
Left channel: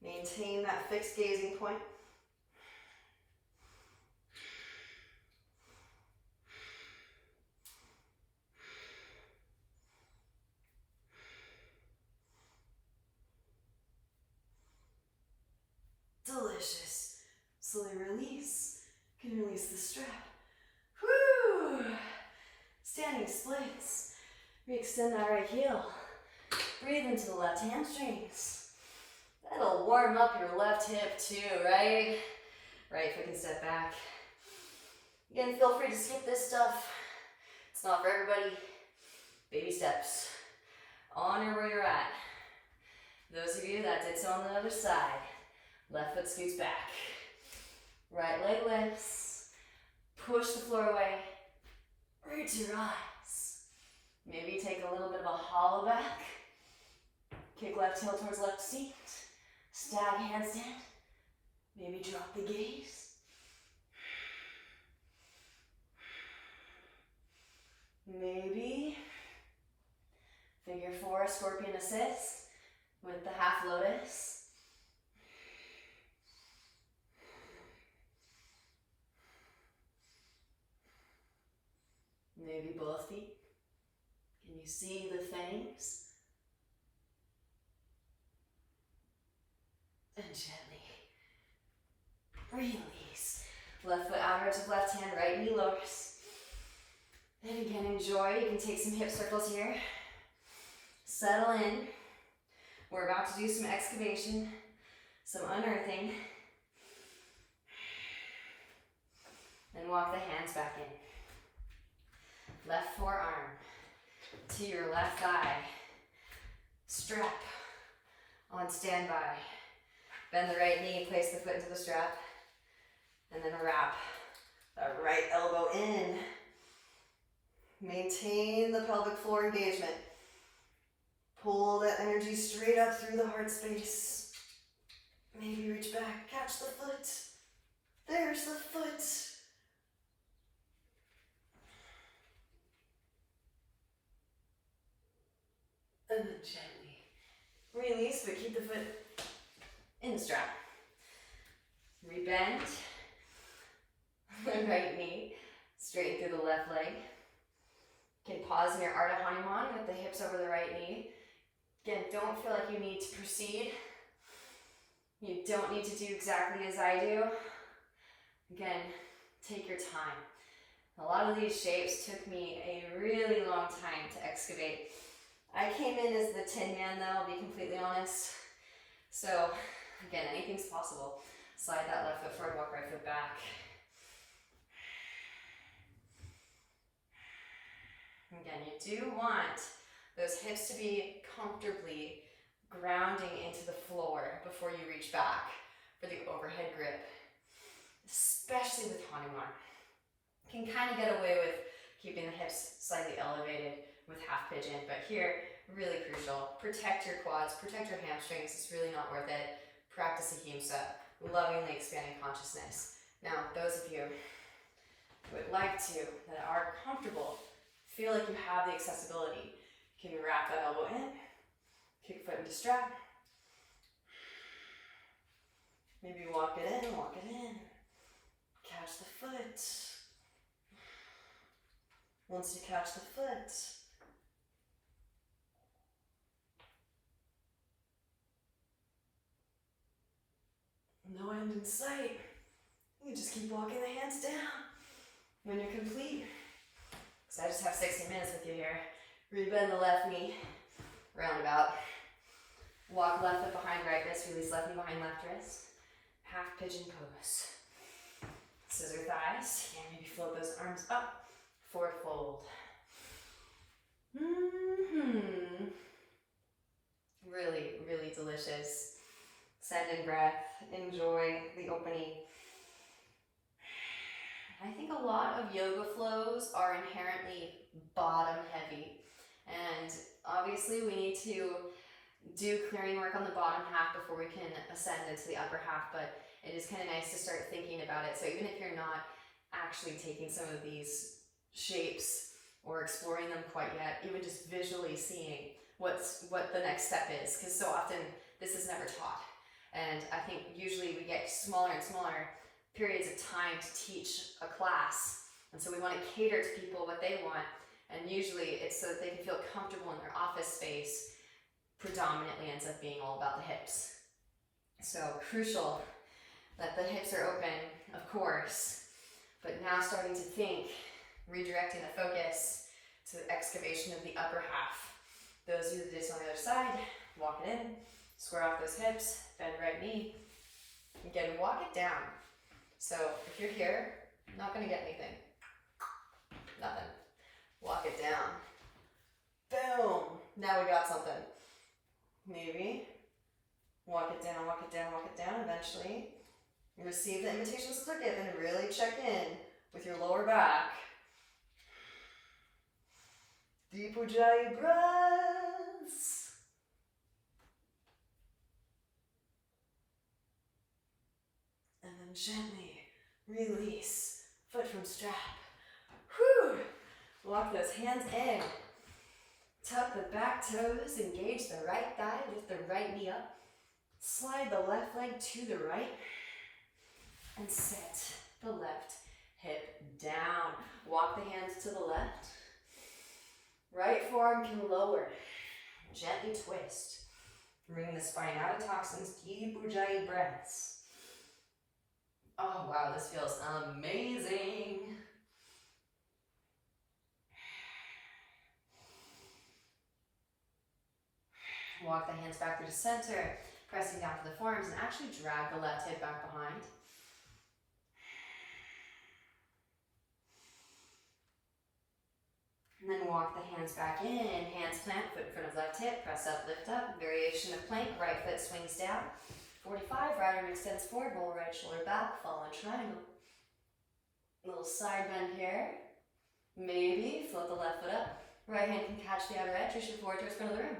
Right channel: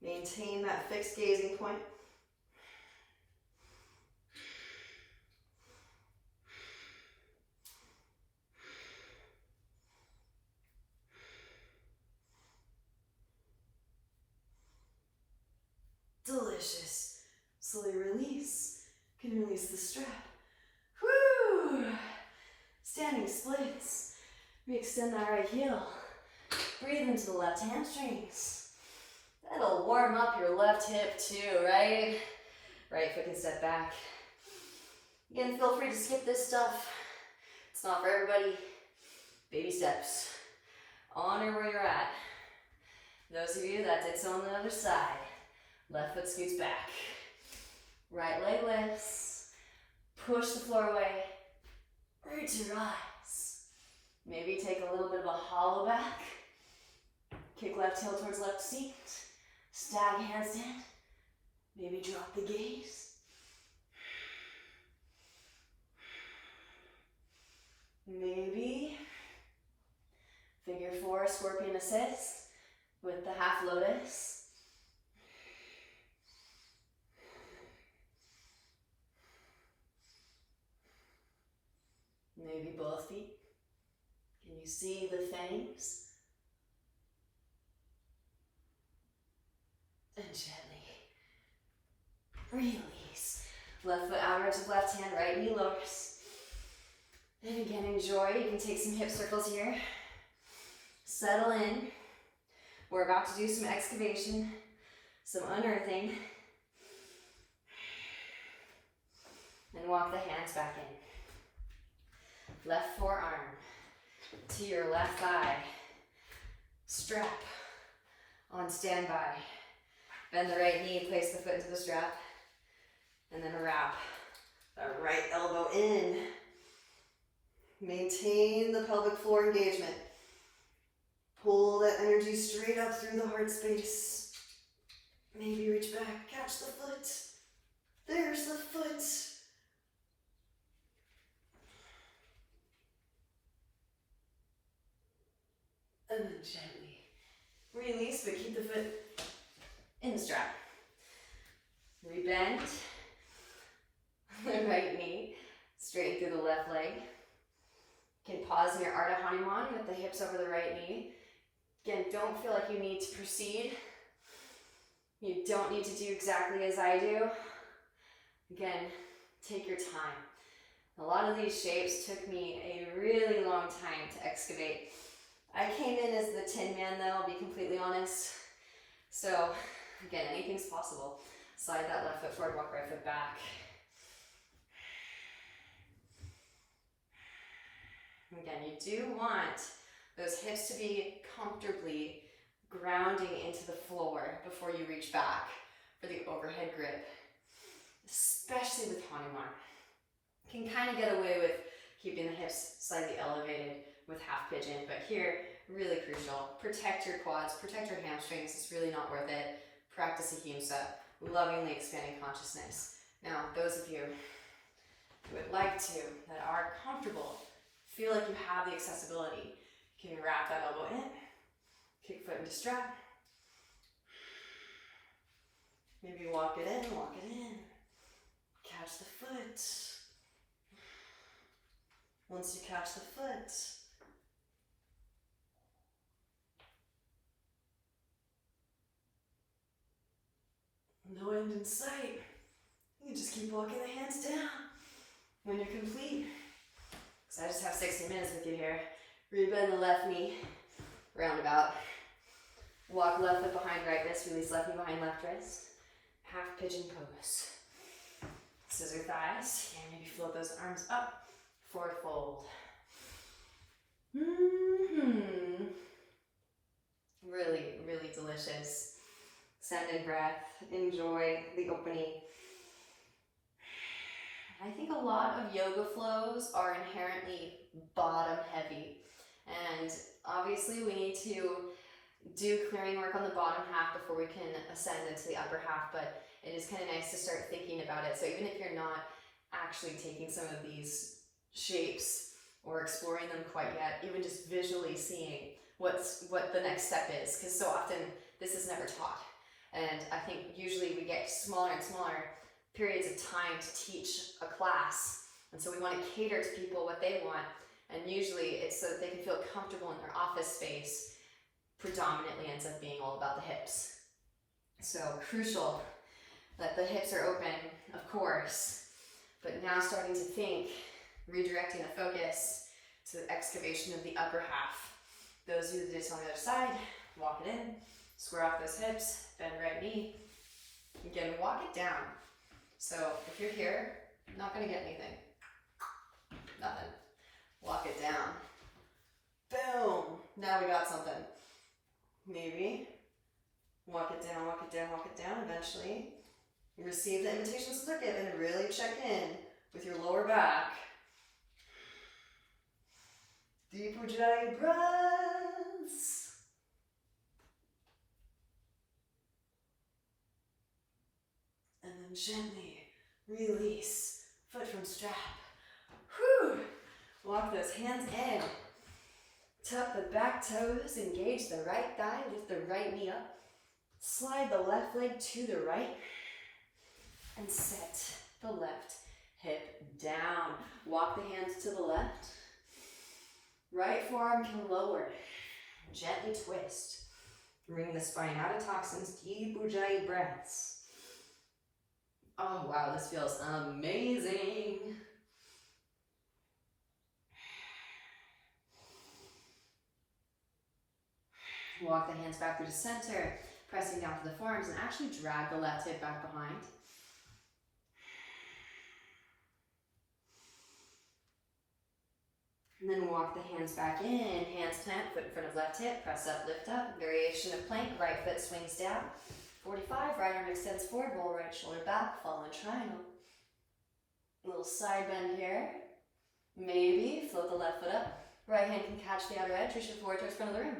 Maintain that fixed gazing point. Delicious. Slowly release. You can release the strap. Woo! Standing splits. We extend the right heel. Breathe into the left hamstrings. That'll warm up your left hip too, right? Right foot can step back. Again, feel free to skip this stuff. It's not for everybody. Baby steps. Honor where you're at. Those of you that did so on the other side. Left foot scoots back. Right leg lifts. Push the floor away. Root your eyes. Maybe take a little bit of a hollow back. Kick left heel towards left seat. Stag handstand. Maybe drop the gaze. Maybe figure four, scorpion assist with the half lotus. Maybe both feet. Can you see the fangs? And gently release. Left foot outer edge of left hand, right knee lowers. And again, enjoy. You can take some hip circles here. Settle in. We're about to do some excavation, some unearthing. And walk the hands back in. Left forearm to your left thigh. Strap on standby. Bend the right knee, place the foot into the strap. And then wrap the right elbow in. Maintain the pelvic floor engagement. Pull that energy straight up through the heart space. Maybe reach back, catch the foot. There's the foot. And then gently release, but keep the foot in the strap. Rebend the right knee, straighten through the left leg. You can pause in your Ardha Hanuman with the hips over the right knee. Again, don't feel like you need to proceed. You don't need to do exactly as I do. Again, take your time. A lot of these shapes took me a really long time to excavate. I came in as the Tin Man though, I'll be completely honest. So, again, anything's possible. Slide that left foot forward, walk right foot back. Again, you do want those hips to be comfortably grounding into the floor before you reach back for the overhead grip, especially with Hanuman. You can kind of get away with keeping the hips slightly elevated with half pigeon, but here, really crucial. Protect your quads, protect your hamstrings. It's really not worth it. Practice ahimsa, lovingly expanding consciousness. Now, those of you who would like to, that are comfortable, feel like you have the accessibility, you can wrap that elbow in, kick foot into strap. Maybe walk it in, catch the foot. Once you catch the foot, no end in sight. You just keep walking the hands down. When you're complete, so I just have 60 minutes with you here. Rebend the left knee, roundabout. Walk left foot behind right wrist, release left knee behind left wrist. Half pigeon pose. Scissor thighs, and maybe float those arms up. Forward fold. Really, really delicious. Send in breath, enjoy the opening. I think a lot of yoga flows are inherently bottom heavy. And obviously we need to do clearing work on the bottom half before we can ascend into the upper half, but it is kind of nice to start thinking about it. So even if you're not actually taking some of these shapes or exploring them quite yet, even just visually seeing what the next step is, because so often this is never taught. And I think usually we get smaller and smaller periods of time to teach a class. And so we want to cater to people what they want. And usually it's so that they can feel comfortable in their office space. Predominantly ends up being all about the hips. So crucial that the hips are open, of course, but now starting to think, redirecting the focus to the excavation of the upper half. Those of you that is on the other side, walk it in, square off those hips, bend right knee. Again, walk it down. So if you're here, not gonna get anything. Nothing. Walk it down. Boom! Now we got something. Maybe walk it down, walk it down, walk it down. Eventually, you receive the invitation slip and really check in with your lower back. Deep Ujjayi breaths. And then gently release, foot from strap. Whew! Walk those hands in. Tuck the back toes, engage the right thigh, lift the right knee up. Slide the left leg to the right. And set the left hip down. Walk the hands to the left. Right forearm can lower. Gently twist. Bring the spine out of toxins, deep Ujjayi breaths. Oh wow, this feels amazing. Walk the hands back through the center, pressing down to the forearms, and actually drag the left hip back behind. And then walk the hands back in, hands plant, foot in front of left hip, press up, lift up, variation of plank, right foot swings down. 45, right arm extends forward, roll right shoulder back, fall in triangle. Little side bend here. Maybe float the left foot up, right hand can catch the outer edge, reach it forward towards front of the room.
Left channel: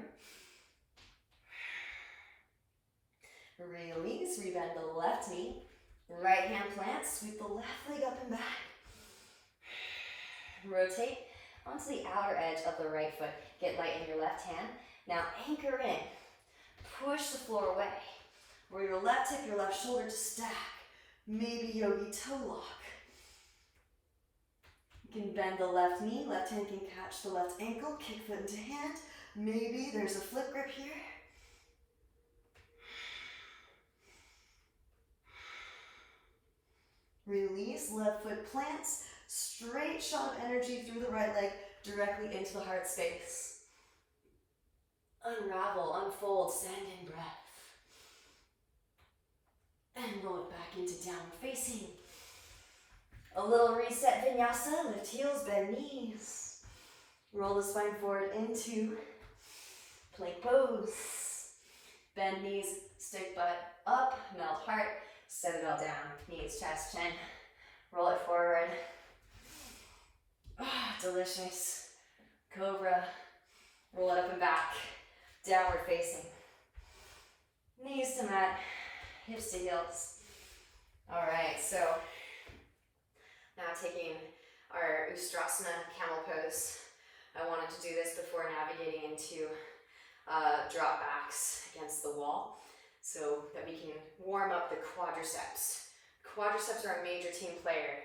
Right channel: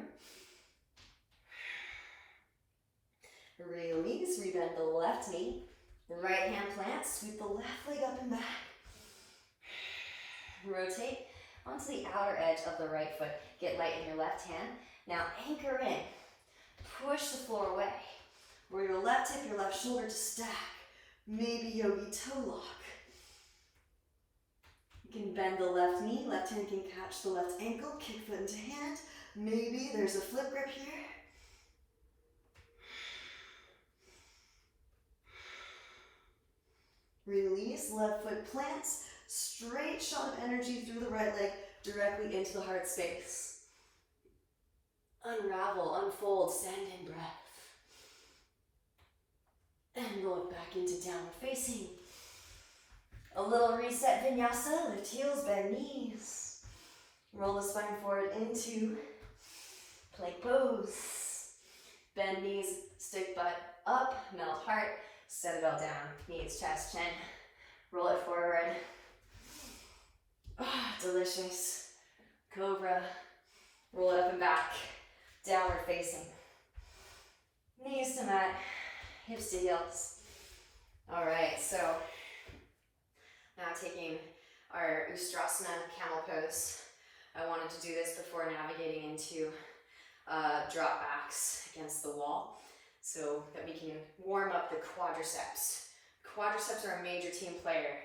Release, rebend the left knee, right hand plant, sweep the left leg up and back. Rotate onto the outer edge of the right foot. Get light in your left hand. Now anchor in. Push the floor away. Roll your left hip, your left shoulder to stack. Maybe yogi toe lock. You can bend the left knee. Left hand can catch the left ankle. Kick foot into hand. Maybe there's a flip grip here. Release, left foot plants. Straight shot of energy through the right leg directly into the heart space. Unravel, unfold, send in breath. And roll it back into downward facing. A little reset vinyasa, lift heels, bend knees. Roll the spine forward into plank pose. Bend knees, stick butt up, melt heart, set it all down. Knees, chest, chin. Roll it forward. Oh, delicious. Cobra. Roll it up and back. Downward facing. Knees to mat. Hips to heels. All right, so now taking our Ustrasana camel pose. I wanted to do this before navigating into drop backs against the wall so that we can warm up the quadriceps. Quadriceps are a major team player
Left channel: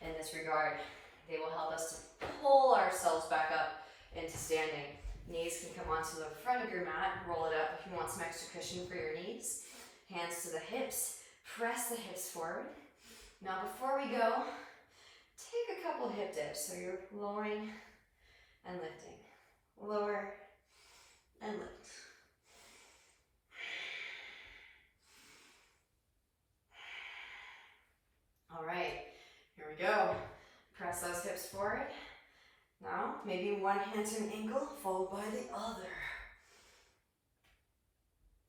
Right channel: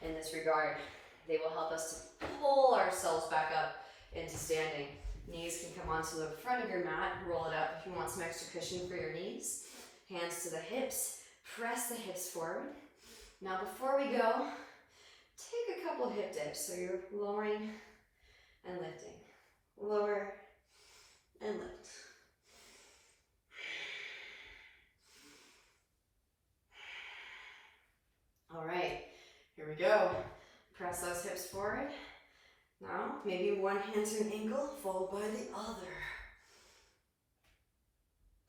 in this regard. They will help us to pull ourselves back up into standing. Knees can come onto the front of your mat, roll it up if you want some extra cushion for your knees. Hands to the hips, press the hips forward. Now before we go, take a couple hip dips. So you're lowering and lifting. Lower and lift. All right, here we go. Press those hips forward. Now, maybe one hand to an ankle, followed by the other.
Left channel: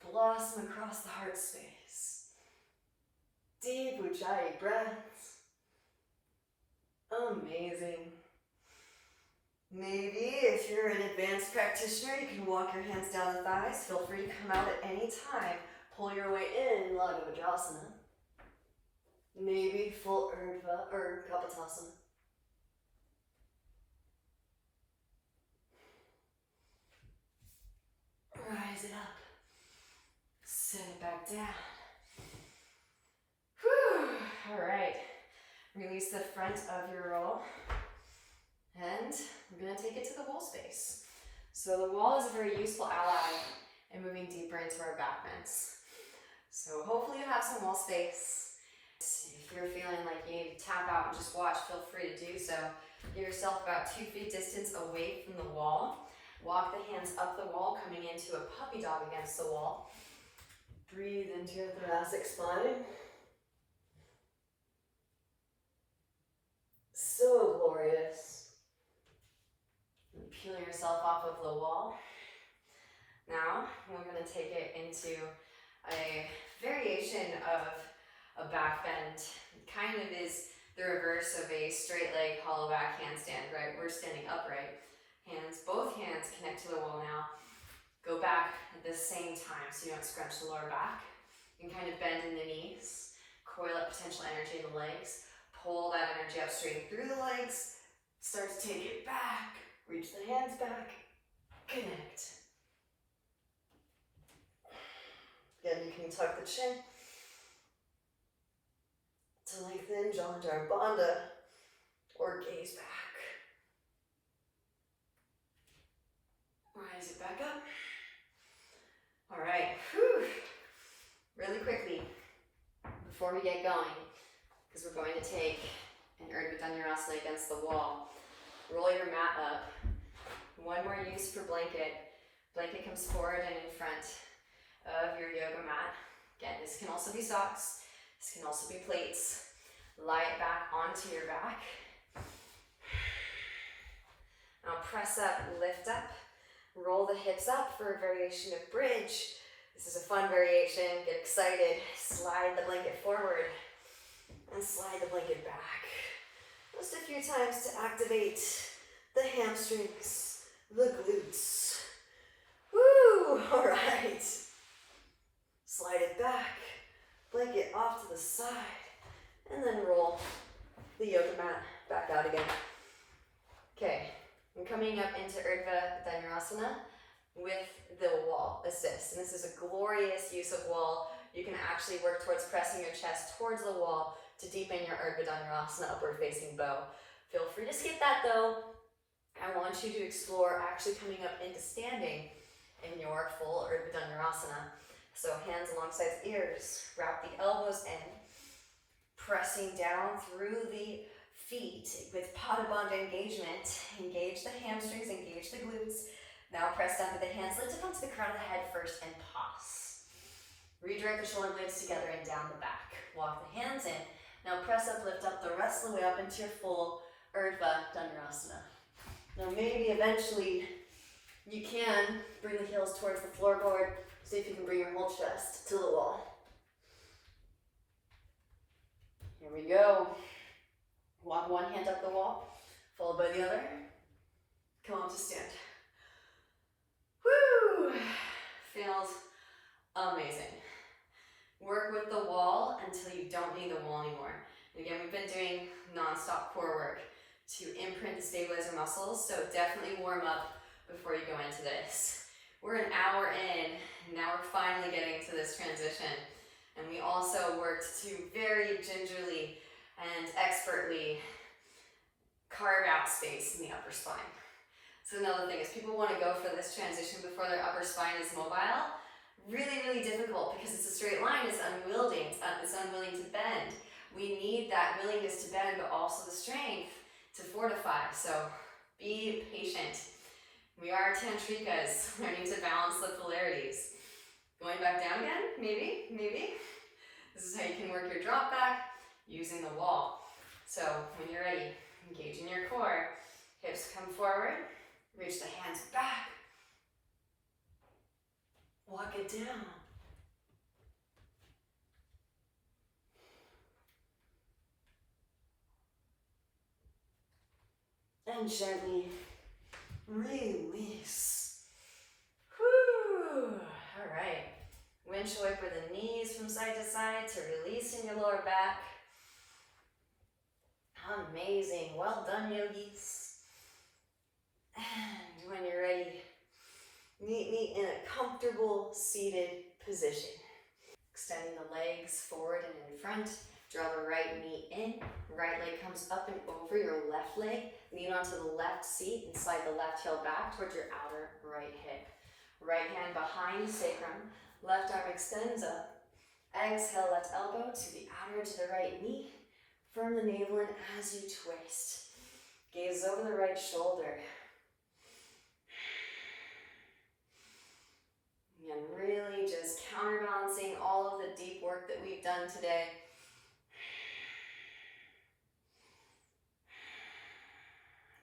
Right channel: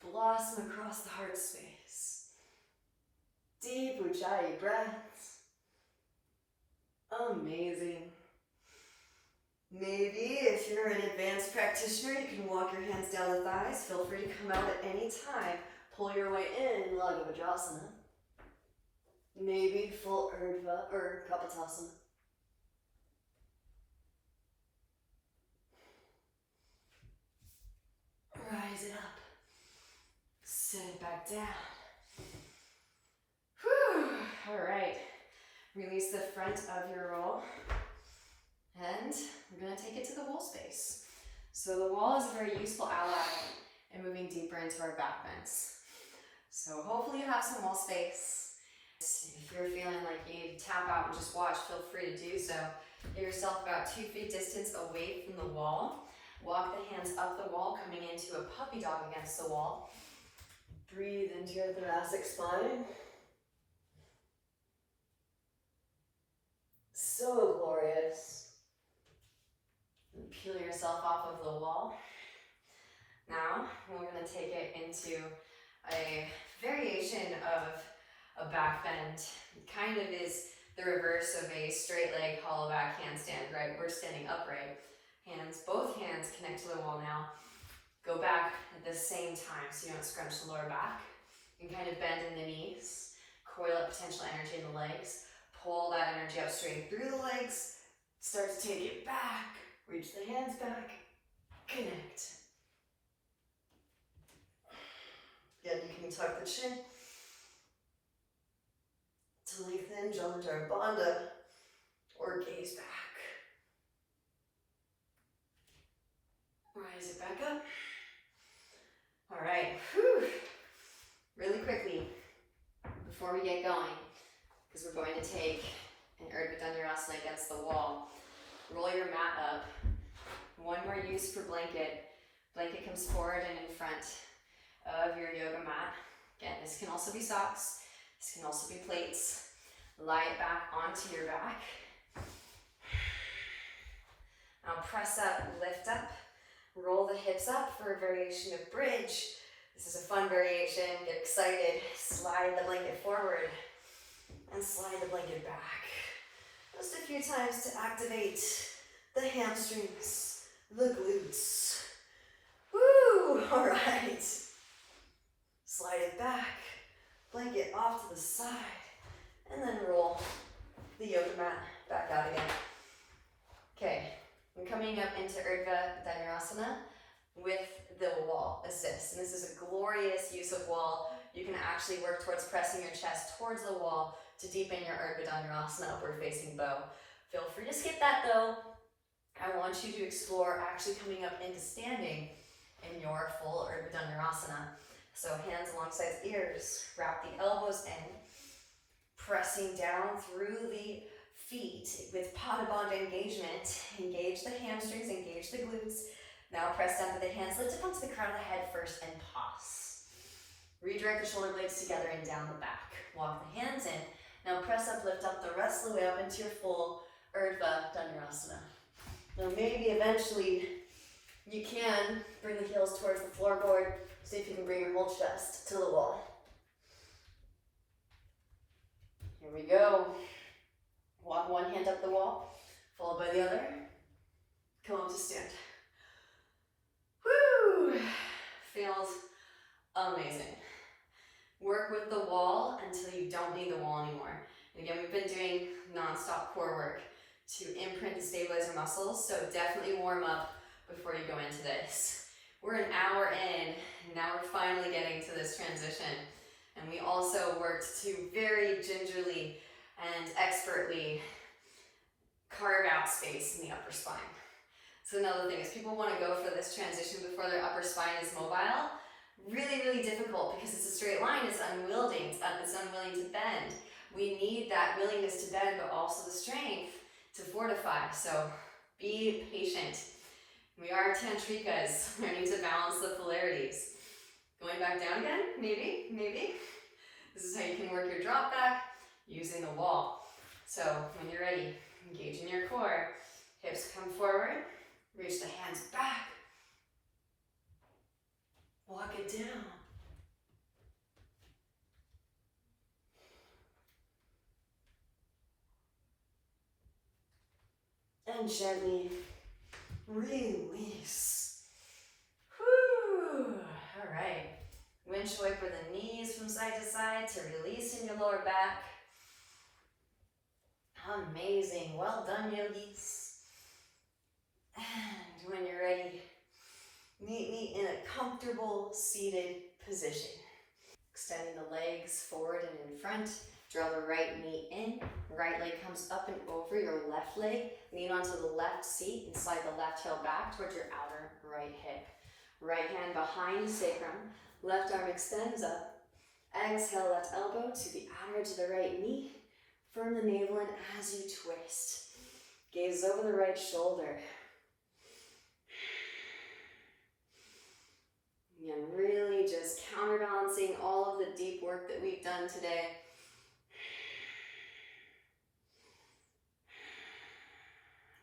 Blossom across the heart space. Deep Ujjayi breaths. Amazing. Maybe if you're an advanced practitioner, you can walk your hands down the thighs. Feel free to come out at any time. Pull your way in, Lagavajrasana. Maybe full Urdhva or Kapotasana. Rise it up. Sit it back down. Whew. All right. Release the front of your roll. And we're going to take it to the wall space. So the wall is a very useful ally in moving deeper into our back bends. So hopefully you have some wall space. If you're feeling like you need to tap out and just watch, feel free to do so. Give yourself about 2 feet distance away from the wall. Walk the hands up the wall, coming into a puppy dog against the wall. Breathe into your thoracic spine. So glorious. And peel yourself off of the wall. Now, we're going to take it into a variation of a back bend. It kind of is the reverse of a straight leg hollow back handstand, right? We're standing upright. Both hands connect to the wall now. Go back at the same time so you don't scrunch the lower back. You can kind of bend in the knees, coil up potential energy in the legs, pull that energy up straight through the legs, start to take it back, reach the hands back, connect. Again, you can tuck the chin to lengthen Jalandhara Bandha or gaze back. Rise it back up. All right, whew. Really quickly, before we get going, because we're going to take an Urdhva Dhanurasana against the wall. Roll your mat up. One more use for blanket. Blanket comes forward and in front of your yoga mat. Again, this can also be socks. This can also be plates. Lie it back onto your back. Now press up, lift up. Roll the hips up for a variation of bridge. This is a fun variation. Get excited. Slide the blanket forward and slide the blanket back. Just a few times to activate the hamstrings, the glutes. Woo! All right. Slide it back. Blanket off to the side. And then roll the yoga mat back out again. Okay. I'm coming up into Urdhva Dhanurasana with the wall assist. And this is a glorious use of wall. You can actually work towards pressing your chest towards the wall to deepen your Urdhva Dhanurasana upward facing bow. Feel free to skip that though. I want you to explore actually coming up into standing in your full Urdhva Dhanurasana. So hands alongside ears, wrap the elbows in, pressing down through the feet with Padabandha engagement. Engage the hamstrings, engage the glutes. Now press down with the hands, lift up onto the crown of the head first and pause. Redirect the shoulder blades together and down the back. Walk the hands in. Now press up, lift up the rest of the way up into your full Urdhva Dhanurasana. Now maybe eventually you can bring the heels towards the floorboard. See if you can bring your whole chest to the wall. Here we go. Walk one hand up the wall, followed by the other. Come up to stand. Woo! Feels amazing. Work with the wall until you don't need the wall anymore. And again, we've been doing non-stop core work to imprint the stabilizer muscles, so definitely warm up before you go into this. We're an hour in, and now we're finally getting to this transition. And we also worked to very gingerly and expertly carve out space in the upper spine. So another thing is people want to go for this transition before their upper spine is mobile. Really, really difficult because it's a straight line, it's unwieldy, it's unwilling to bend. We need that willingness to bend, but also the strength to fortify. So be patient. We are tantrikas, learning to balance the polarities. Going back down again, maybe. This is how you can work your drop back. using the wall. So when you're ready, engage in your core. Hips come forward, reach the hands back. Walk it down. And gently release. Whew. All right. Windshield wiper the knees from side to side to release in your lower back. Amazing. Well done, yogis. And when you're ready, meet me in a comfortable seated position. Extending the legs forward and in front. Draw the right knee in. Right leg comes up and over your left leg. Lean onto the left seat and slide the left heel back towards your outer right hip. Right hand behind the sacrum. Left arm extends up. Exhale, left elbow to the outer edge of the right knee. Firm the navel in as you twist. Gaze over the right shoulder. And really just counterbalancing all of the deep work that we've done today.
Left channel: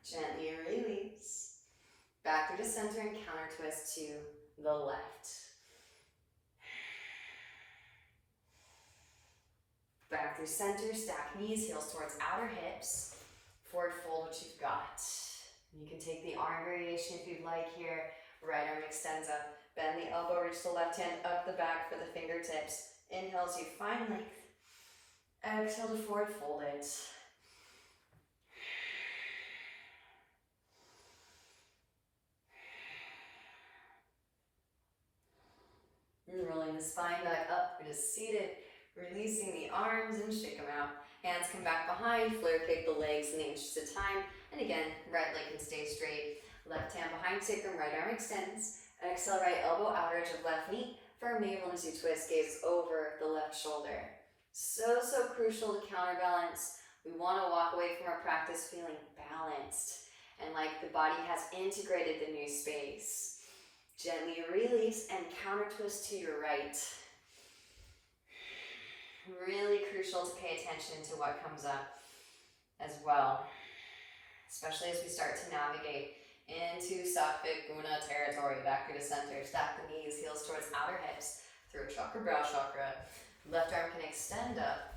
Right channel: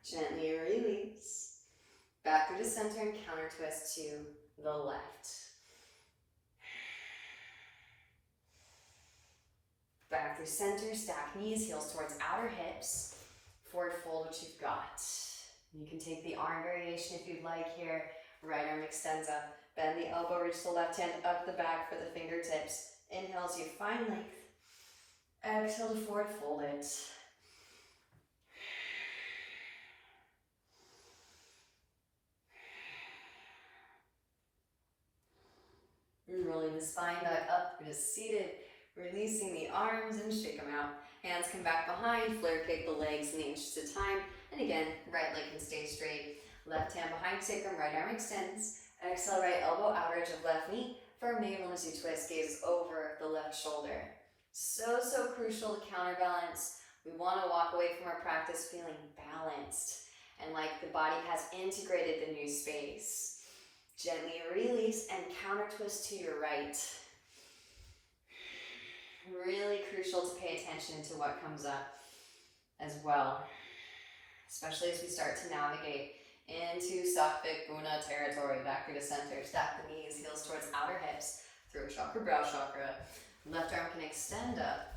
Gently release. Back through the center and counter twist to the left. Back through center, stack knees, heels towards outer hips. Forward fold what you've got. You can take the arm variation if you'd like here. Right arm extends up. Bend the elbow, reach the left hand up the back for the fingertips. Inhale as you find length. Exhale to forward fold it. Rolling the spine back up, we're just seated. Releasing the arms and shake them out. Hands come back behind, flare kick the legs in the inches of time. And again, right leg can stay straight. Left hand behind sacrum, right arm extends. Exhale, right elbow, outer edge of left knee. Firm navel as you twist, gaze over the left shoulder. So crucial to counterbalance. We want to walk away from our practice feeling balanced and like the body has integrated the new space. Gently release and counter twist to your right. Really crucial to pay attention to what comes up as well, especially as we start to navigate into Sattvic Guna territory. Back through the center, stack the knees, heels towards outer hips, throat chakra, brow chakra. Left arm can extend up.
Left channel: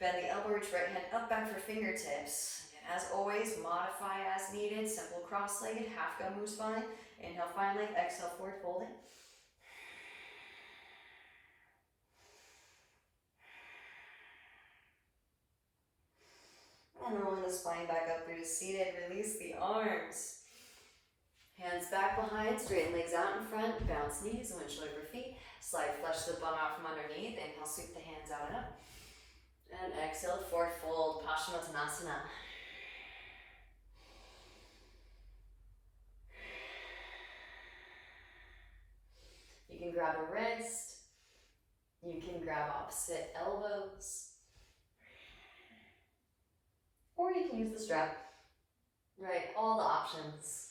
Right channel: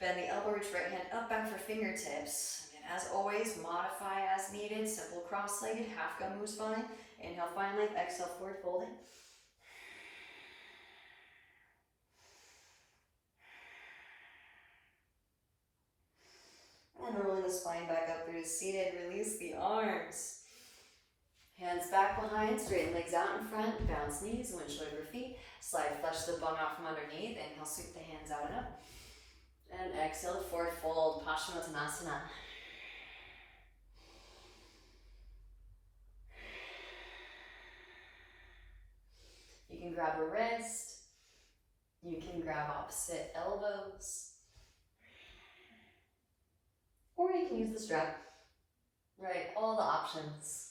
Bend the elbow, reach right hand up, back for fingertips. And as always, modify as needed. Simple cross-legged, half gun moves fine. Inhale, find length, exhale, forward folding. And rolling the spine back up through seated, release the arms. Hands back behind, straighten legs out in front, bounce knees, windshield over feet. Slide flush the bum out from underneath. Inhale, sweep the hands out and up. And exhale, forward fold, Paschimottanasana. You can grab a wrist. You can grab opposite elbows. Or you can use the strap. Right, all the options.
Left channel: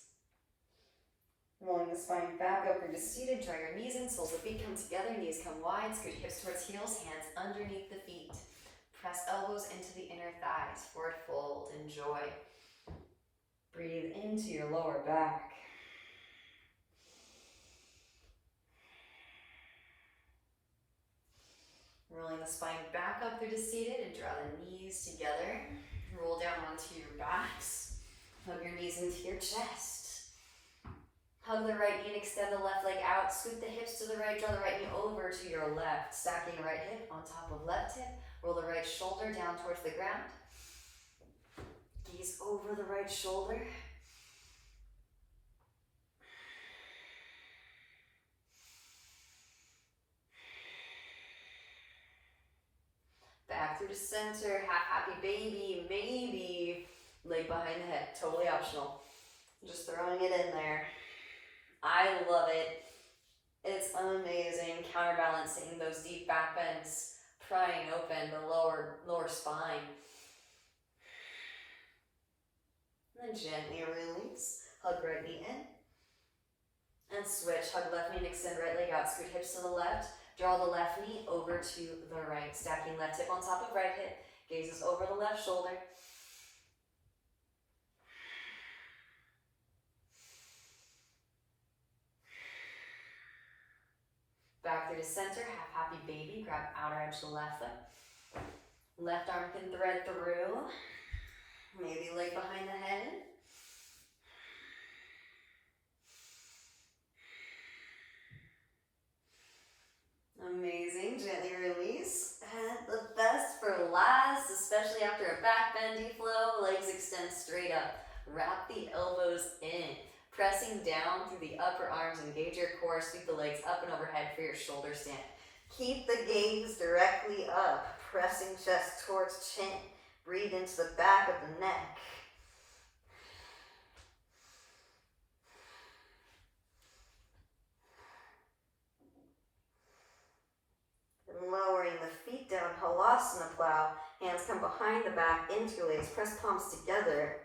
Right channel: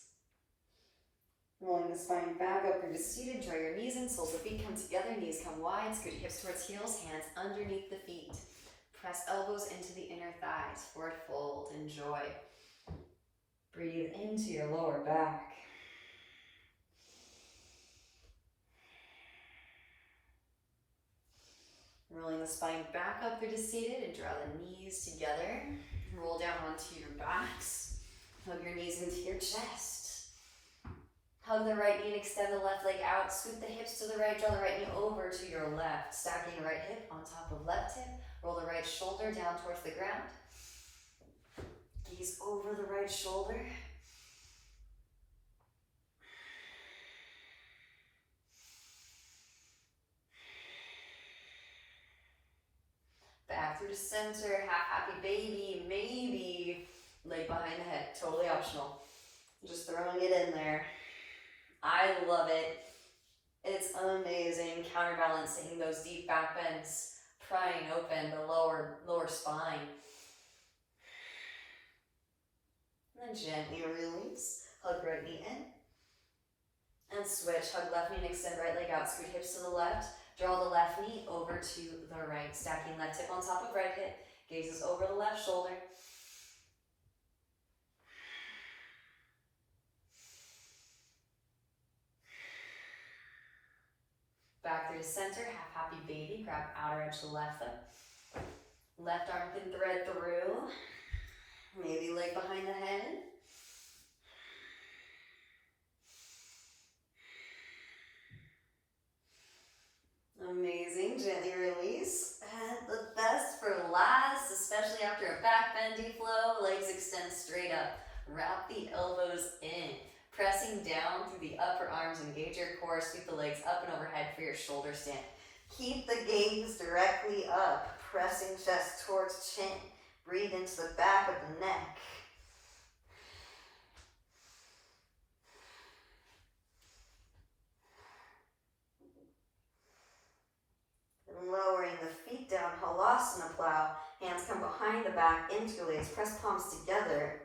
Rolling the spine back up, you're just seated, draw your knees in, soles of feet come together, knees come wide, scoot hips towards heels, hands underneath the feet. Press elbows into the inner thighs, forward fold, enjoy. Breathe into your lower back. Rolling the spine back up through to seated and draw the knees together. Roll down onto your backs. Hug your knees into your chest. Hug the right knee and extend the left leg out. Scoot the hips to the right, draw the right knee over to your left. Stacking the right hip on top of left hip. Roll the right shoulder down towards the ground. Gaze over the right shoulder. Back through the center, half happy baby, maybe leg behind the head, totally optional. Just throwing it in there. I love it. It's amazing, counterbalancing those deep back bends, prying open the lower spine. And then gently release, hug right knee in. And switch, hug left knee and extend right leg out, scoot hips to the left. Draw the left knee over to the right, stacking left hip on top of right hip. Gazes over the left shoulder. Back through to center, half happy baby. Grab outer edge of the left foot. Left arm can thread through. Maybe leg behind the head. Amazing. Gently release. And the best for last, especially after a back bendy flow. Legs extend straight up. Wrap the elbows in. Pressing down through the upper arms. Engage your core. Sweep the legs up and overhead for your shoulder stand. Keep the gaze directly up. Pressing chest towards chin. Breathe into the back of the neck. And lowering the feet down, halasana plow. Hands come behind the back, interlace. Press palms together.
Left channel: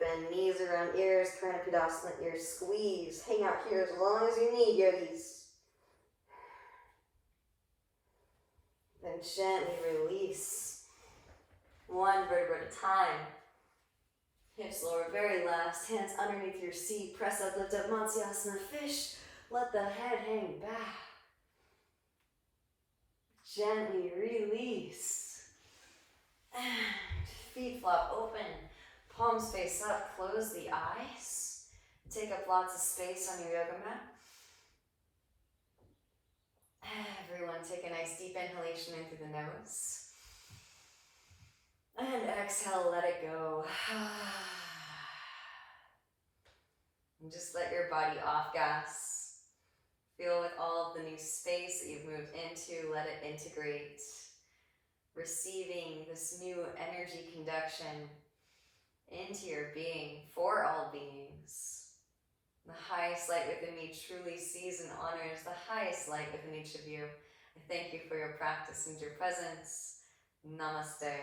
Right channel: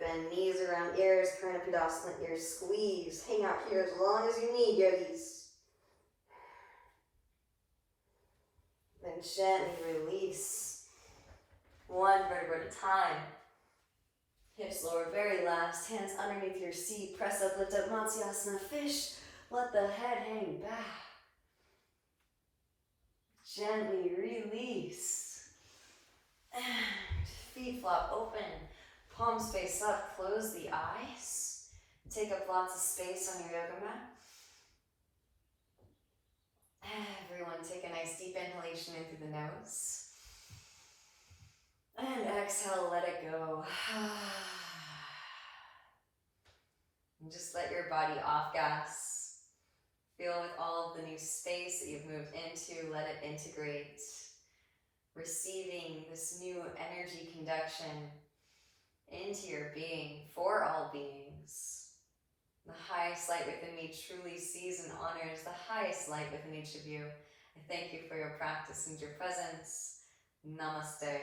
Bend knees around ears, Karnapidasana, ears squeeze. Hang out here as long as you need, yogis. Then gently release. One vertebra at a time. Hips lower, very last. Hands underneath your seat. Press up, lift up, Matsyasana, fish. Let the head hang back. Gently release. And feet flop open. Palms face up, close the eyes. Take up lots of space on your yoga mat. Everyone take a nice deep inhalation in through the nose. And exhale, let it go. And just let your body off gas. Feel with all of the new space that you've moved into, let it integrate. Receiving this new energy conduction into your being, for all beings. The highest light within me truly sees and honors the highest light within each of you. I thank you for your practice and your presence. Namaste.